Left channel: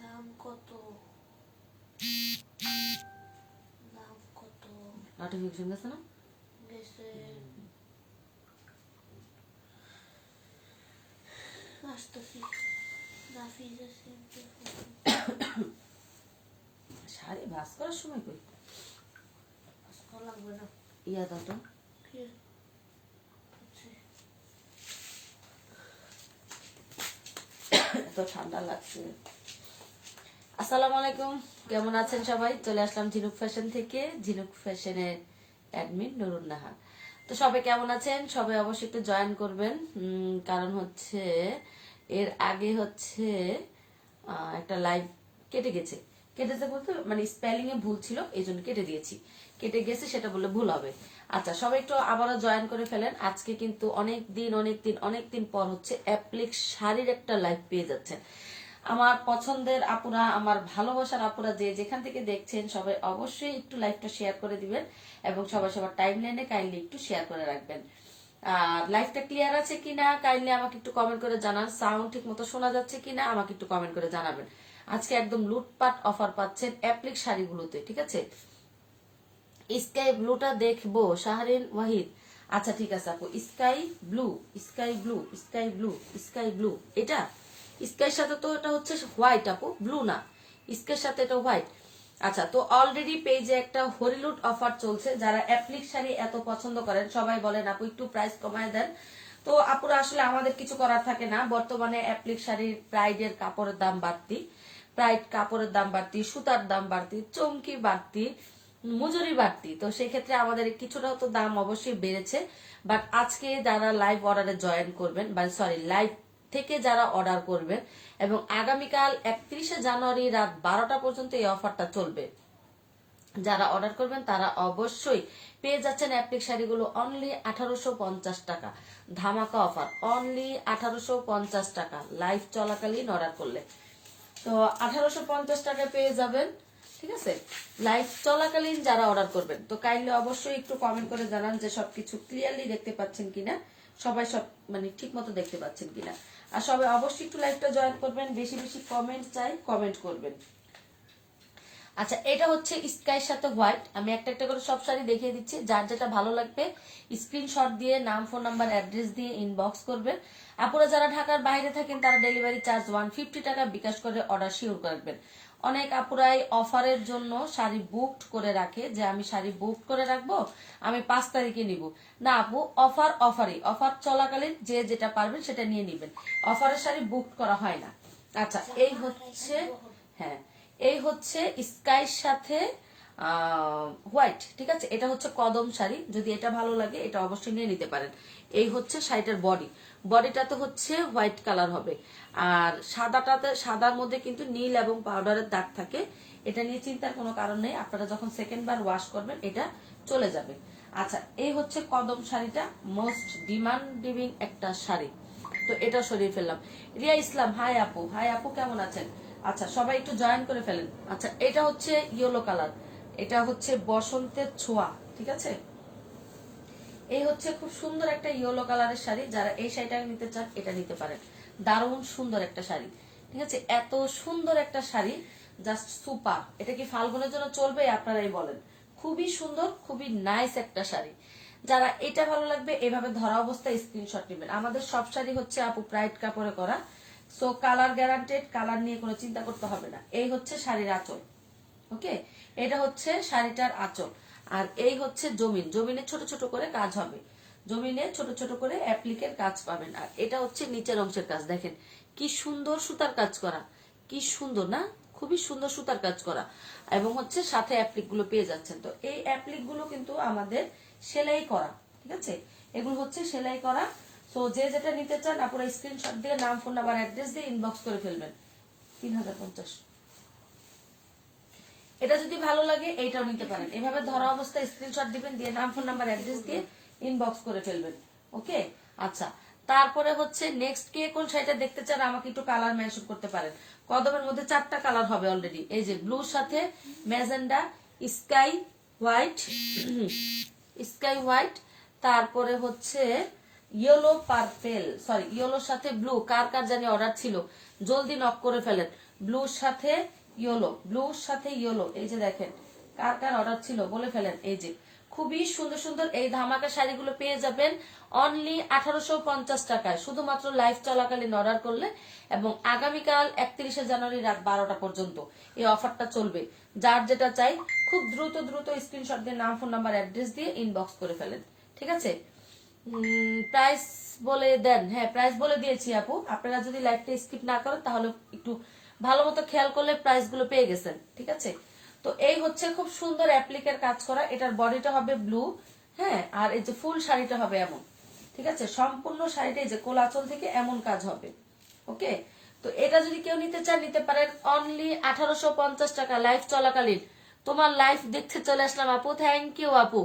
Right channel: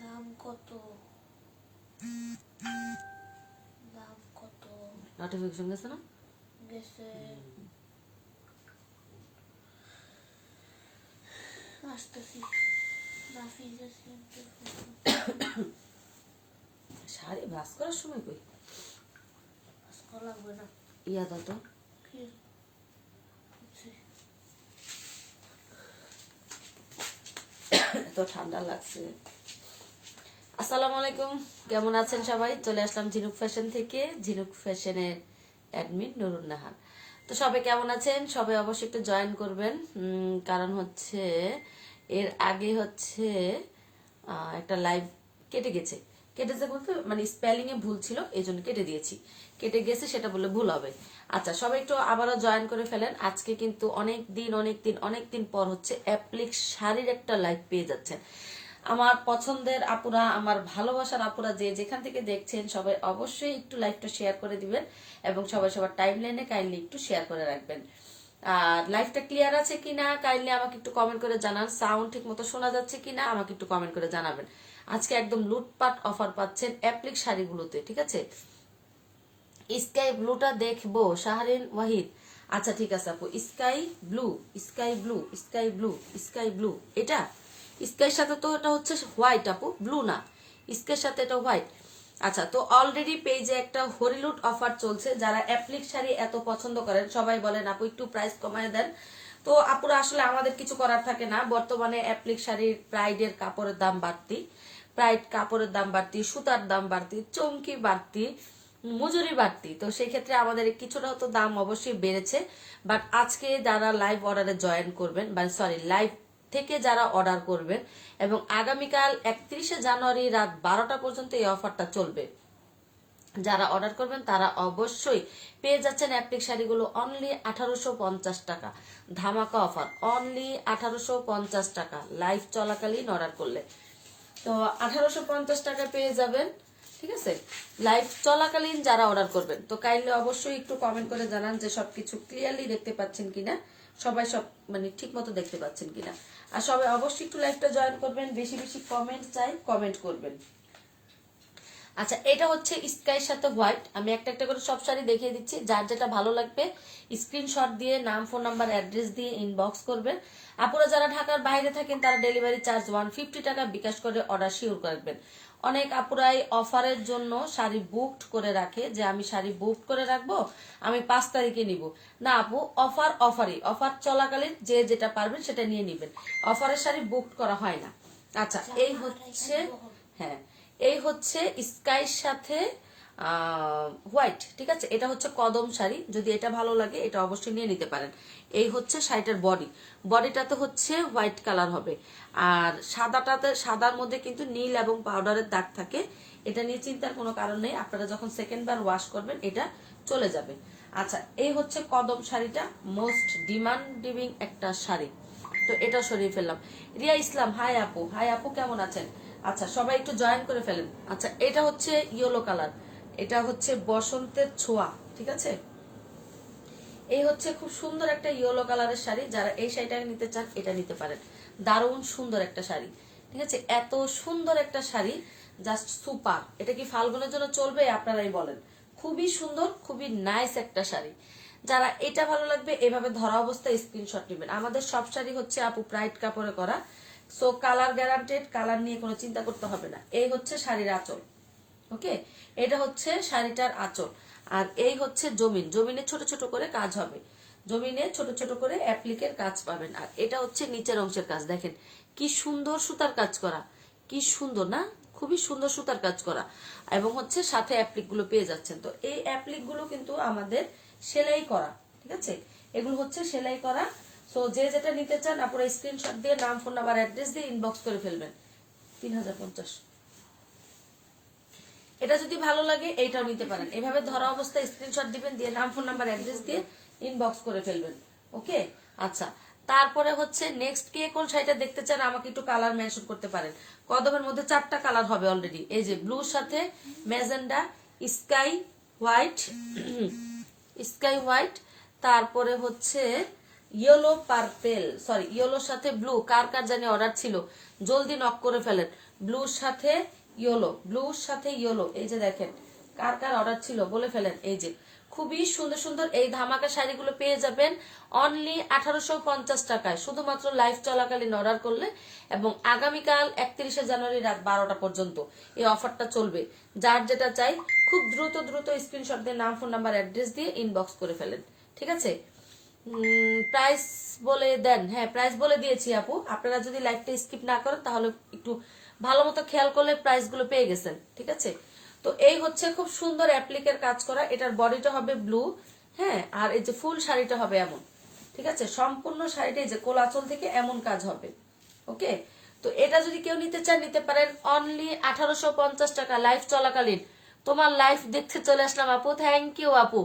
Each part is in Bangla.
দাম কত? দাম কত? নোটিফিকেশন গেছে না? গেছে। আসতেছি। শাড়ি ভাঁজ করার সময় কই? ভাঁজ করা লাগবে না। ইয়া দাও তো। এত ঠান্ডা লাগছে। আসসালামু আলাইকুম, কেমন আছেন সবাই? চলে আসলাম ঝিনুক ফ্যাশন থেকে, ঝিনুক ফ্যাশনের অ্যাডমিন নুরুন নাহার। তো সবাই কেমন আছেন? সবাই অবশ্যই একটু জয়েন করবেন, কারণ হচ্ছে এর আগে হচ্ছে একটা লাইভ কেটে গেছে বলতে মানে স্পেলিং এ ভুল ছিল, এই জন্য কেটে দিয়েছি। কেটে গেছে সেটা বললে ভুল হবে। আচ্ছা, সবাই একটু আবারও জয়েন করে ফেলেন। আজকে কিন্তু অনেক দিন পর হচ্ছে অ্যাপ্লিক শাড়ির একটা লাইভ পেয়ে যাচ্ছেন। আমার পছন্দের আপুরা, আমার ভালোবাসার আপুরা যে যেখান থেকে দেখছেন, সবাই অবশ্যই একটু লাইভটা শেয়ার করে দিবেন এবং সবাই সবার টাইম লাইনে কাইন্ডলি একটু শেয়ার করে রাখবেন। আর লাইভটা ক্লিয়ার আছে কিনা কাইন্ডলি আমাকে একটু কমেন্ট করে জানান। সাউন্ড ঠিক মতো শোনা যাচ্ছে কিনা আমাকে একটু কমেন্ট করে জানাবেন। আজকে একদম লুটপাট অফার পাচ্ছেন অ্যাপ্লিক শাড়িগুলোতে, ঠিক আছে? স্কাই ব্লুটা দেখবো, শাহরিন ওয়াহিদ। আচ্ছা ঠিক আছে আপু, sky blue, sky blue, sky blue, sky blue, এটা স্কাইয়ের সাথে তো এটা হচ্ছে হোয়াইট আপু, ব্লু না, স্কাইয়ের সাথে এটা হোয়াইট। আচ্ছা, তো অলরেডি পেজে একটা হরিলুট অফার চলছে। যারা অ্যাপ্লিক শাড়ি এত পছন্দ করেন সবাই বলেন আপু একটু প্রাইস কমায় দেন। তো আপুরা আসলে আমাদের কিছু করার থাকে না, বর্তমানে অ্যাপ্লিক শাড়ির প্রাইডের কাপড়ের দাম বাড়তি, প্রাইড কাপড়ের দাম বাড়তি, সুতার দাম বাড়তি, চমকি বাড়তি, মজুরি বাড়তি। তো সেই ক্ষেত্রে আমাদের কিছুটা তো দাম অবশ্যই বেড়েছে। বাট আজকে যারা লাইভ অর্ডারে জয়েন করবেন, বা সরি লাইভ থেকে যারা অর্ডার করবেন, এবং আগামীকাল 31শে জানুয়ারি রাত 12টা পর্যন্ত এই অফারটা চলবে। যারা অর্ডার করবেন তারা অবশ্যই পেয়ে যাচ্ছেন অ্যাপ্লিক শাড়িগুলো অনলি 1850 টাকা। ধামাকা অফার, অনলি 1850 টাকা লাইভ চলাকালীন অর্ডার করলে। তো 1850 টাকায় পেয়ে যাবেন, ঠিক আছে? লাইভ চলাকালীন যারা অর্ডার করবেন, তো কাইন্ডলি অবশ্যই একটু কমেন্ট করে জানান যে সবকিছু ক্লিয়ারলি দেখতে পাচ্ছেন কিনা, সবাই সব মানে ঠিক মতো দেখতে পাচ্ছেন কিনা। আর সবাই অবশ্যই একটু লাইভটা জয়েন করবেন, বেশি বেশি কমেন্ট চাই, কমেন্ট করবেন। আচ্ছা, এটা হচ্ছে স্কাইয়ের সাথে হোয়াইট। আমি একটা একটা করে সব শাড়ি দেখিয়ে দিচ্ছি, যার যেটা ভালো লাগবে স্ক্রিনশট দিয়ে নাম, ফোন নাম্বার, অ্যাড্রেস দিয়ে ইনবক্স করবেন। আপনারা যারা ঢাকার বাইরে থাকেন তারা ডেলিভারি চার্জ 150 টাকা বিকাশ করে অর্ডার শিওর করবেন। অনেক আপুরাই অফারের জন্য শাড়ি বুকড করে রাখে, যে আমি শাড়ি বুকড করে রাখবো, আমি 5 তারিখে নিব। না আপু, অফার চলাকালীন যে যেটা পারবেন সেটা নিয়ে নিবেন, অফারের শাড়ি বুকড করা হয় না। আচ্ছা, এই হচ্ছে, হ্যাঁ এই হচ্ছে স্কাইয়ের সাথে হোয়াইট, ঠিক আছে? এটা হচ্ছে কদম শাড়ি, যদি এটা ভালো লাগে এটা অবশ্যই নিয়ে নিতে পারেন। এই হচ্ছে শাড়িটার বডিটাতে হচ্ছে হোয়াইট কালার হবে, আর সাদার মধ্যে কিন্তু নীল এবং পাউডারের দাগ থাকে। এটা নিয়ে চিন্তার কোনো কারণ নেই, আপনারা যখন সেকেন্ড বার ওয়াশ করবেন এটা চলে যাবে। আচ্ছা, এই হচ্ছে কদম শাড়িটা, মোস্ট ডিমান্ডিং একটা শাড়ি। তো এটা সরিয়ে ফেললাম। রিয়া ইসলাম, হাই আপু কেমন আছেন? আচ্ছা, সবাই একটু জয়েন করে ফেলেন। আচ্ছা, এটা হচ্ছে ইয়েলো কালার, এটা হচ্ছে বসন্তের ছোঁয়া, ঠিক আছে? এই হচ্ছে খুব সুন্দর একটা ইয়েলো কালারের শাড়ি। যারা এই শাড়িটা নিতে চান এটা নিতে পারেন, দারুণ সুন্দর একটা শাড়ি, ঠিক আছে? এত সুন্দর একটা শাড়ি, জাস্ট সুপার। এটা কি ফাল্গুনের জন্য চলবে আপনারাই বলেন? খুবই সুন্দর, খুবই নাইস একটা শাড়ি। যারা এটা ভালো লাগবে এভাবে ধরা অবস্থায় স্ক্রিনশট নেবেন। আমাদের সব শাড়ি হচ্ছে আপু প্রাইড কাপড়ে করা, সো কালার গ্যারান্টেড, কালার নিয়ে কোনো চিন্তা করতে হবে না। এই হচ্ছে শাড়ির আঁচল, ওকে? এটা হচ্ছে শাড়িটার আঁচল। আর এই হচ্ছে জমিনে ছোট ছোট করে কাজ হবে, জমিনে ছোট ছোট করে অ্যাপ্লিকের কাজ পাবেন। আর এটা হচ্ছে নিচের অংশের কাজ, দেখেন কি সুন্দর সুতার কাজ করা, কি সুন্দর না? খুবই সুন্দর সুতার কাজ করা, এবং হচ্ছে সাথে অ্যাপ্লিক গুলো পেয়ে যাচ্ছেন। তো এই অ্যাপ্লিক গুলো কিন্তু আমাদের সেলাই করা, ঠিক আছে? এগুলো হচ্ছে সেলাই করা। তো যে যেটা নিতে চান আপনারা স্ক্রিনশট দিয়ে নাম, ফোন নাম্বার, অ্যাড্রেস দিয়ে ইনবক্স করে ফেলবেন। 3050। এটা যদি ভালো লাগে এইটাও নিতে পারেন, এভাবে ধরা অবস্থায় স্ক্রিনশট দিবেন, দিয়ে নাম, ফোন নাম্বার, অ্যাড্রেস দিয়ে ইনবক্স করে ফেলবেন, ওকে? আচ্ছা, তারপরে হচ্ছে নেক্সট কে কোন শাড়িটা দেখতে চান আমাকে একটু কালার মেনশন করতে পারেন। কদমের মধ্যে 4টা কালার হবে অলরেডি, এই যে ব্লুর সাথে ম্যাজেন্ডা, স্কাই হোয়াইট, তারপরে হচ্ছে ইয়েলো পার্পেল, সরি ইয়েলোর সাথে ব্লু, কার কার জানি অর্ডার ছিল, জলদি নক করে ফেলেন। ব্লুর সাথে ইয়েলো, ব্লুর সাথে ইয়েলো, এই যে দেখেন কার কার অর্ডার ছিল বলে ফেলেন। এই যে খুবই সুন্দর সুন্দর এই ধামাকা শাড়িগুলো পেয়ে যাবেন অনলি 1850 টাকায়, শুধুমাত্র লাইভ চলাকালীন অর্ডার করলে, এবং আগামীকাল 31শে জানুয়ারি রাত 12টা পর্যন্ত এই অফারটা চলবে। যার যেটা চাই খুব দ্রুত দ্রুত স্ক্রিনশট দিয়ে নাম, ফোন নাম্বার, অ্যাড্রেস দিয়ে ইনবক্স করে ফেলেন, ঠিক আছে? প্রাইস বলে দেন। হ্যাঁ, প্রাইস বলে দিয়েছি আপু, আপনারা যদি লাইভটা স্কিপ না করেন তাহলে একটু ভালো মতো খেয়াল করলে প্রাইস গুলো পেয়ে গেছেন, ঠিক আছে? তো এই হচ্ছে খুব সুন্দর অ্যাপ্লিকের কাজ করা, এটার বডিটা হবে ব্লু, হ্যাঁ, আর এই যে ফুল শাড়িটা হবে এমন, ঠিক আছে? সম্পূর্ণ শাড়িটা এই যে কোলাচল থেকে এমন কাজ হবে, ওকে? তো এটা যদি কেউ নিতে চান নিতে পারেন অনলি 1850 টাকা লাইভ চলাকালীন। তোমার লাইভ দেখতে চলে আসলাম আপু, থ্যাংক ইউ আপু।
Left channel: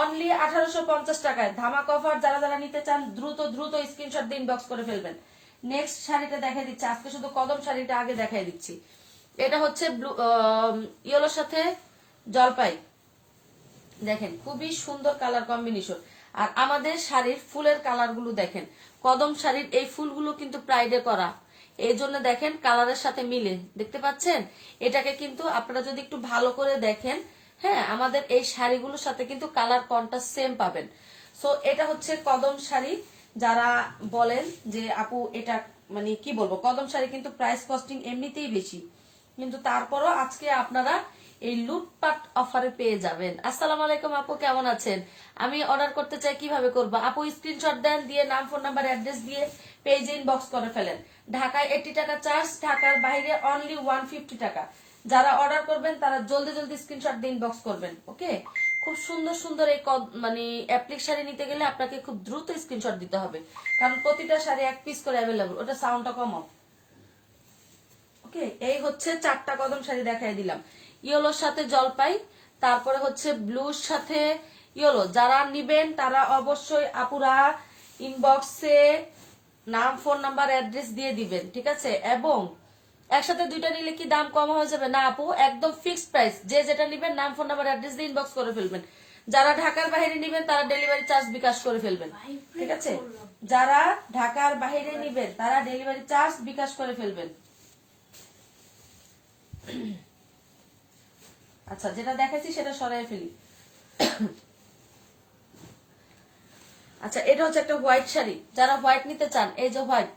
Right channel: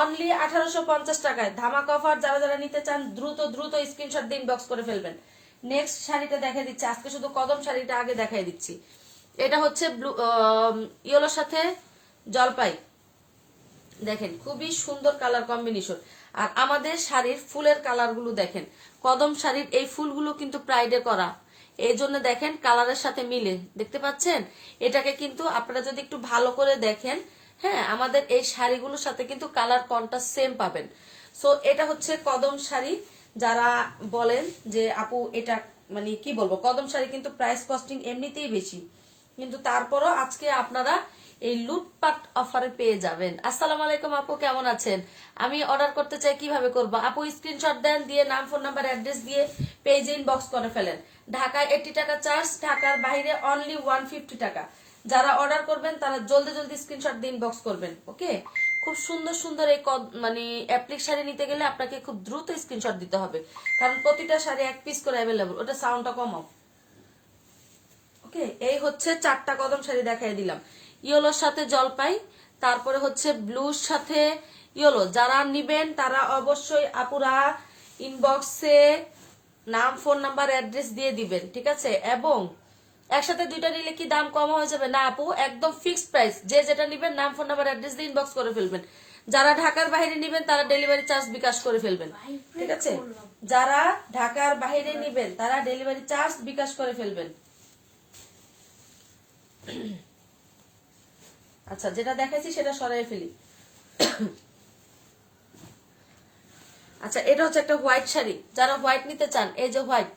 অনলি 1850 টাকায় ধামাকা অফার। যারা যারা নিতে চান দ্রুত দ্রুত স্ক্রিনশট দিয়ে ইনবক্স করে ফেলবেন। নেক্সট শাড়িটা দেখাই দিচ্ছি, আজকে শুধু কদম শাড়িটা আগে দেখাই দিচ্ছি। এটা হচ্ছে ব্লু ইয়েলোর সাথে জলপাই, দেখেন খুবই সুন্দর কালার কম্বিনেশন। আর আমাদের শাড়ির ফুলের কালার গুলো দেখেন, কদম শাড়ির এই ফুলগুলো কিন্তু প্রাইডে করা, এই জন্য দেখেন কালারের সাথে মিলে, দেখতে পাচ্ছেন? এটাকে কিন্তু আপনারা যদি একটু ভালো করে দেখেন, হ্যাঁ, আমাদের এই শাড়িগুলোর সাথে কিন্তু কালার কন্ট্রাস্ট সেম পাবেন। সো এটা হচ্ছে কদম শাড়ি। যারা বলেন যে আপু এটা মানে কি বলবো, কদম শাড়ি কিন্তু প্রাইস কস্টিং এমনিতেই বেশি, কিন্তু তারপরও আজকে আপনারা এই লুটপাট অফারে পেয়ে যাবেন। আসসালামু আলাইকুম আপু, কেমন আছেন? আমি অর্ডার করতে চাই, কিভাবে করবো আপু? স্ক্রিনশট দেন, দিয়ে নাম, ফোন নাম্বার, অ্যাড্রেস দিয়ে পেজে ইনবক্স করে ফেলেন। ঢাকায় 80 টাকা চার্জ, ঢাকার বাইরে অনলি 150 টাকা। যারা অর্ডার করবেন তারা জলদি জলদি স্ক্রিনশট দিয়ে ইনবক্স করবেন, ওকে? খুব সুন্দর সুন্দর এই মানে অ্যাপ্লিক শাড়ি নিতে গেলে আপনাকে খুব দ্রুত স্ক্রিনশট দিতে হবে, কারণ প্রতিটা শাড়ি এক পিস করে অ্যাভেলেবল। ওটা সাউন্ডটা কমাও, ওকে? এই হচ্ছে 4টা কদম শাড়ি দেখাই দিলাম। ইয়েলোর সাথে জলপাই, তারপরে হচ্ছে ব্লুর সাথে ইয়েলো। যারা নিবেন তারা অবশ্যই আপুরা ইনবক্সে নাম, ফোন নাম্বার, অ্যাড্রেস দিয়ে দিবেন, ঠিক আছে? এবং একসাথে দুইটা নিলে কি দাম কম হয়ে যাবে? না আপু, একদম ফিক্সড প্রাইস। যে যেটা নিবেন নাম, ফোন নাম্বার, অ্যাড্রেস দিয়ে ইনবক্স করে ফেলবেন। যারা ঢাকার বাইরে নিবেন তারা ডেলিভারি চার্জ বিকাশ করে ফেলবেন, ঠিক আছে? যারা ঢাকার বাইরে নিবেন তারা ডেলিভারি চার্জ বিকাশ করে ফেলবেন। আচ্ছা, যেটা দেখাইছি সেটা সরাই ফেলি। আচ্ছা, এটা হচ্ছে একটা হোয়াইট শাড়ি। যারা হোয়াইট নিতে চান, এই যে হোয়াইট,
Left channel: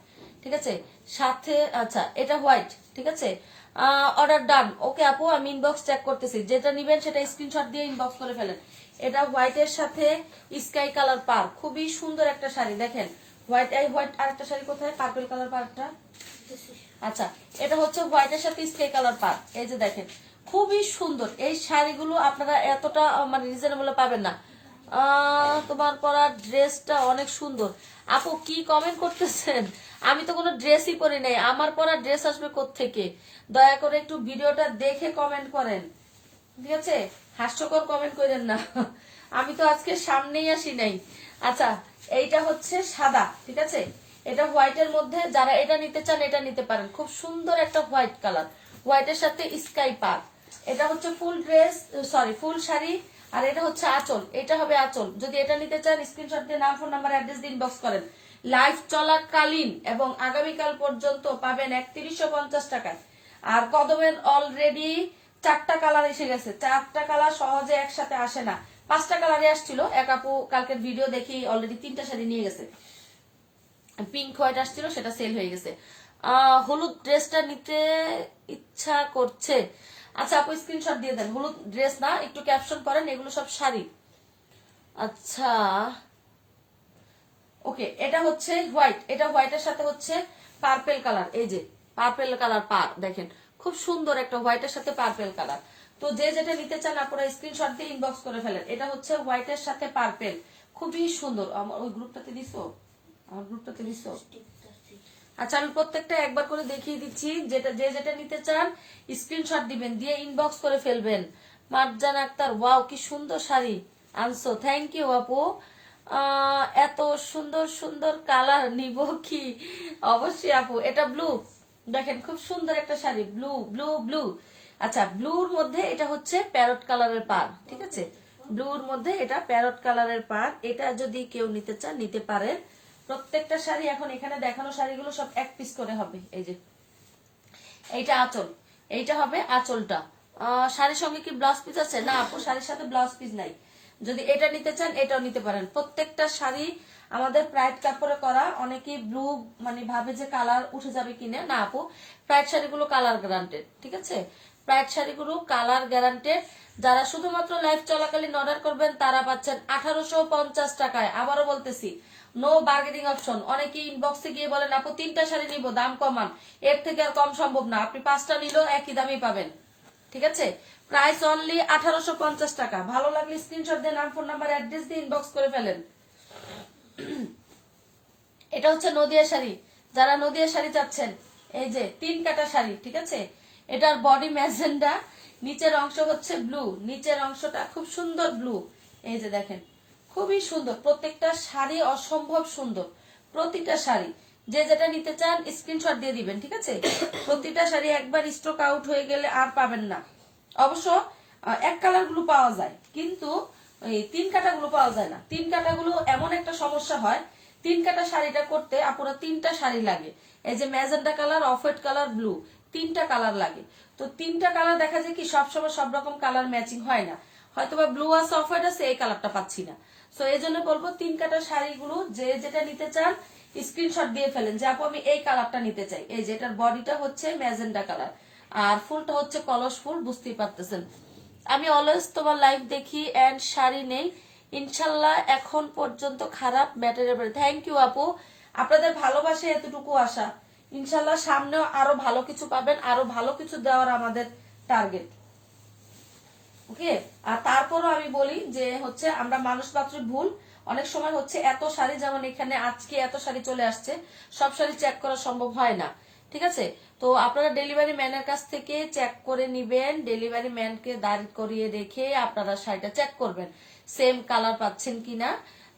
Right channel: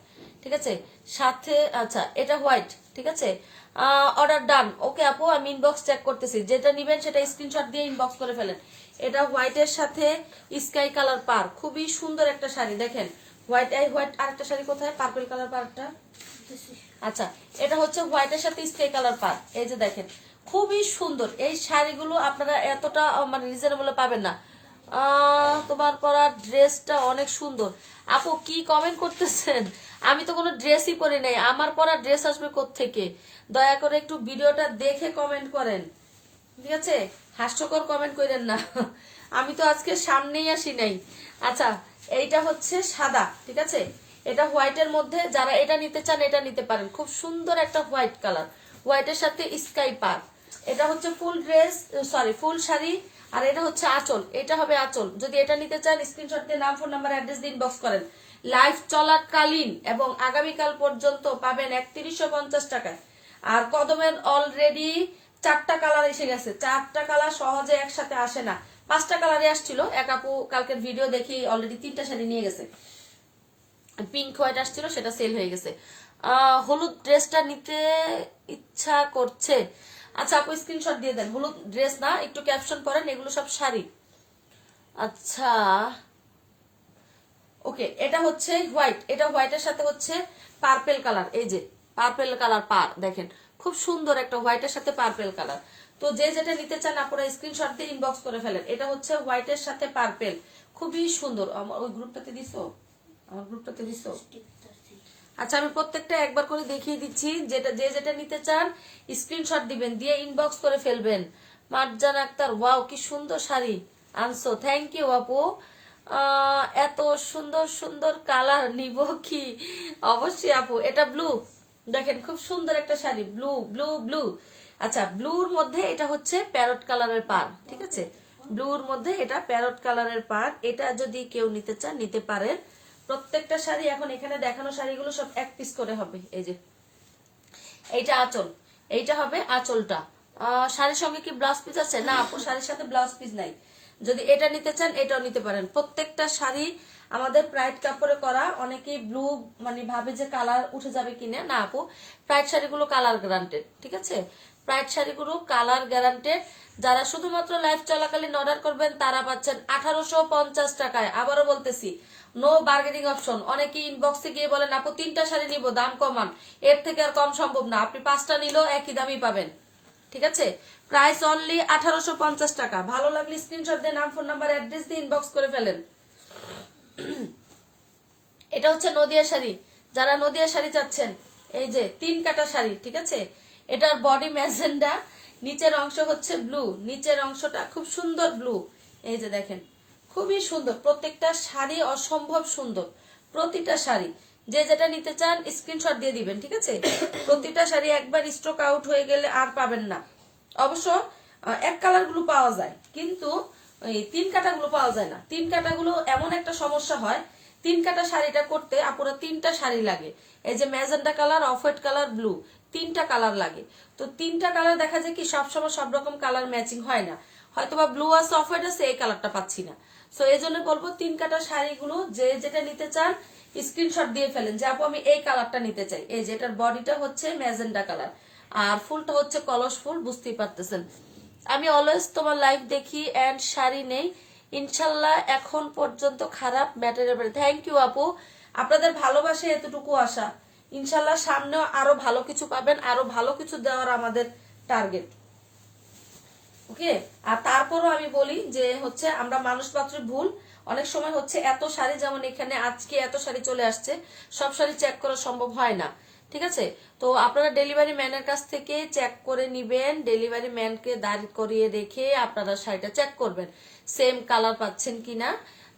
ঠিক আছে? সাথে আচ্ছা এটা হোয়াইট, ঠিক আছে? অর্ডার ডান, ওকে আপু, আমি ইনবক্স চেক করতেছি। যেটা নিবেন সেটা স্ক্রিনশট দিয়ে ইনবক্স করে ফেলেন। এটা হোয়াইটের সাথে স্কাই কালার পার, খুবই সুন্দর একটা শাড়ি। দেখেন হোয়াইট, এই হোয়াইট আরেকটা শাড়ি কোথায়? পার্পল কালার পারটা। আচ্ছা, এটা হচ্ছে হোয়াইটের সাথে স্কাই কালার পার, এই যে দেখেন খুবই সুন্দর। এই শাড়িগুলো আপনারা এতটা মানে রিজনেবল পাবেন না। তোমার পরা ড্রেসটা অনেক সুন্দর। আপু কি কমেন্ট করতেছেন? আমি তো কোনো ড্রেসই পরি নাই, আমার পরা ড্রেস আসবে কোত্থেকে? দয়া করে একটু ভিডিওটা দেখে কমেন্ট করেন, ঠিক আছে? হাস্যকর কমেন্ট করেন না। আমি তো আজকে সামনেই আসি নাই। আচ্ছা, এইটা হচ্ছে সাদা, ঠিক আছে? এটা হোয়াইটের মধ্যে, যারা এটা নিতে চান এটা নিতে পারেন। খুব সুন্দর একটা হোয়াইট কালার, হোয়াইটের সাথে স্কাই পার। এটা হচ্ছে ফুল ড্রেস, সরি ফুল শাড়ি। আর এটা হচ্ছে আঁচল, এটা হবে আঁচল। যদি এটা নিতে চান স্ক্রিনশট দিয়ে নাম, ফোন নাম্বার, অ্যাড্রেস দিয়ে ইনবক্স করেন। লাইভ চলাকালীন এবং আগামীকাল পর্যন্ত পাবেন 3150 টাকায়। আর কদমের অলরেডি 4টা কালার এসে গেছে। 4টা কালার সহজে একসাথে আসে না, 5টা কালারে আসছিল। এক আপু কালকের ভিডিও দেখি অলরেডি 3টা শাড়ি নিয়ে গেছে। পিঙ্ক হোয়াইট আসছিল, সেটা সেল হয়ে গেছে। হলুদ ড্রেসটা নিতে ইচ্ছা করছে। আচ্ছা আপু স্ক্রিনশট দিয়ে দেন। হলুদ ড্রেস না, একটু ক্যাপশন করেন, এগুলো সব শাড়ি। আচ্ছা ওকে, এটা হচ্ছে হোয়াইট, এটা হোয়াইটের সাথে হচ্ছে পার্পেল কালার। এই যে পার্পেল কালার পার, দেখেন খুব সুন্দর একটা হোয়াইটের সাথে পার্পেল কালার। তো যে যেটা নিতে চান আপনারা স্ক্রিনশট দিয়ে ইনবক্স করে ফেলেন। এটা হচ্ছে হোয়াইটের সাথে পার্পেল, খুবই সুন্দর। আমার ওই গ্রুপটাতে দিছো, আমার গ্রুপটাতে দিছো। আচ্ছা, আমি প্রত্যেকটা একবার করে দেখিয়ে দিচ্ছি। যেটা যে যেটা নিতে চান স্ক্রিনশট দিবেন, দিয়ে ইনবক্স করে ফেলবেন। মারজান আক্তার, ওয়াও কি সুন্দর শাড়ি আনছো, থ্যাংক ইউ আপু। এত সুন্দর সুন্দর কালার নিব কি? অবশ্যই আপু। এটা ব্লু, দেখেন খুব সুন্দর একটা শাড়ি, ব্লু ব্লু ব্লু। আচ্ছা, ব্লুর মধ্যে এটা হচ্ছে প্যারট কালারের পার, ঠিক আছে? ব্লুর মধ্যে এটা প্যারট কালারের পার। এটা যদি কেউ নিতে চান নিতে পারেন। প্রত্যেকটা শাড়ি এখন এখানে দেখানো শাড়িগুলো সব এক পিস করে হবে। এই যে এইটা আঁচল, এইটা হবে আঁচলটা। শাড়ির সঙ্গে কি ব্লাউজ পিস আছে? না আপু, শাড়ির সাথে ব্লাউজ পিস নাই। যদি এটা নিতে চান এটাও নিতে পারেন। প্রত্যেকটা শাড়ি আমাদের প্রাইড কাপড়ে করা। অনেকেই ব্লু মানে ভাবে যে কালার উঠে যাবে কিনে, না আপু, প্রাইড শাড়িগুলো কালার গ্যারান্টেড, ঠিক আছে? প্রাইড শাড়িগুলো কালার গ্যারান্টেড। যারা শুধুমাত্র লাইভ চলাকালীন অর্ডার করবেন তারা পাচ্ছেন 1850 টাকায়। আবারও বলতেছি, নো বার্গেনিং অপশন। অনেকে ইনবক্সে গিয়ে বলেন আপু 3টা শাড়ি নিব, দাম কমান। এর থেকে আর কম সম্ভব না, আপনি 5টা নিলেও একই দামই পাবেন, ঠিক আছে? প্রাইস অনলি 1850 টাকা। ভালো লাগলে স্ক্রিনশট দিয়ে নাম, ফোন নাম্বার, অ্যাড্রেস দিয়ে ইনবক্স করে ফেলেন। এটা হচ্ছে নদিয়া শাড়ি। যারা নদিয়া শাড়ি চাচ্ছেন, এই যে 3 কাটা শাড়ি, ঠিক আছে? এটার বডি ম্যাজেন্ডা, নিচের অংশ হচ্ছে ব্লু, নিচের অংশটা খুব সুন্দর ব্লু। এই যে দেখেন, খুবই সুন্দর। প্রত্যেকটা শাড়ি অসম্ভব সুন্দর, প্রতিটা শাড়ি। যে যেটা নিতে চান স্ক্রিনশট দিয়ে দিবেন, ঠিক আছে? প্রতিটা শাড়ি একবার স্টক আউট হয়ে গেলে আর পাবেন না। অবশ্য এক কালার গুলো পাওয়া যায়, কিন্তু এই 3 কাটা গুলো পাওয়া যায় না। 3 কাটা গুলো এমন একটা সমস্যা হয়, 3 কাটা শাড়িটা করতে আপুরা 3টা শাড়ি লাগে। এই যে magenta colour, off white colour, blue, 3টা কালার লাগে। তো 3টা কালার দেখা যায় কি সবসময় সব রকম কালার ম্যাচিং হয় না। হয়তোবা ব্লু আছে, অফ হোয়াইট আছে, এই কালারটা পাচ্ছি না। সো এই জন্য বলবো 3 কাটা শাড়িগুলো যে যেটা নিতে চান স্ক্রিনশট দিয়ে ফেলেন যে আপু আমি এই কালারটা নিতে চাই। এই যে এটার বডিটা হচ্ছে ম্যাজেন্ডা কালার আর ফুলটা হচ্ছে কলস ফুল, বুঝতেই পারতেছেন। আমি অলওয়েজ তোমার লাইভ দেখি এন্ড শাড়ি নেই, ইনশাল্লাহ এখন পর্যন্ত খারাপ ম্যাটেরিয়াল। থ্যাংক ইউ আপু, আপনাদের ভালোবাসে এতটুকু আশা। ইনশাল্লাহ সামনেও আরো ভালো কিছু পাবেন, আরো ভালো কিছু দেওয়ার আমাদের টার্গেট, ওকে? আর তারপরও আমি বলি যে হচ্ছে আমরা মানুষ মাত্র ভুল। অনেক সময় হচ্ছে এত শাড়ি, যেমন এখানে আজকে এত শাড়ি চলে আসছে, সব শাড়ি চেক করা সম্ভব হয় না, ঠিক আছে? তো আপনারা ডেলিভারি ম্যানের কাছ থেকে চেক করে নিবেন। ডেলিভারি ম্যানকে দাঁড় করিয়ে রেখে আপনারা শাড়িটা চেক করবেন সেম কালার পাচ্ছেন কিনা,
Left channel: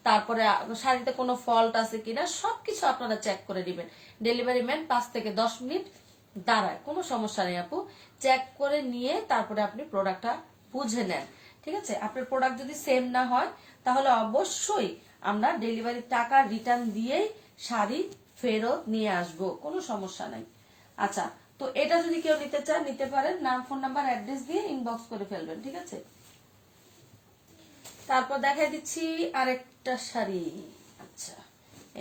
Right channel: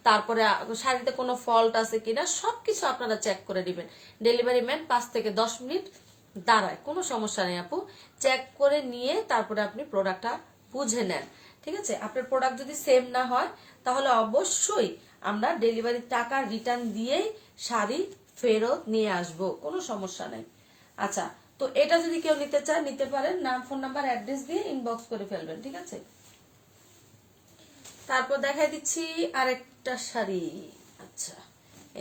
তারপরে শাড়িতে কোনো ফল্ট আছে কিনা, সবকিছু আপনারা চেক করে দিবেন। ডেলিভারি ম্যান 5 থেকে 10 মিনিট দাঁড়ায়, কোনো সমস্যা নেই আপু। চেক করে নিয়ে তারপরে আপনি প্রোডাক্টটা বুঝে নেন, ঠিক আছে? আপনার প্রোডাক্ট যদি সেম না হয় তাহলে অবশ্যই আমরা ডেলিভারি টাকা রিটার্ন দিয়ে শাড়ি ফেরত নিয়ে আসব, কোনো সমস্যা নাই। আচ্ছা, তো এটা যদি কেউ নিতে চান নিতে পারেন, নাম, ফোন নাম্বার, অ্যাড্রেস দিয়ে ইনবক্স করে ফেলবেন, ঠিক আছে? তারপর দেখাই দিচ্ছি আরেকটা শাড়ি। আচ্ছা,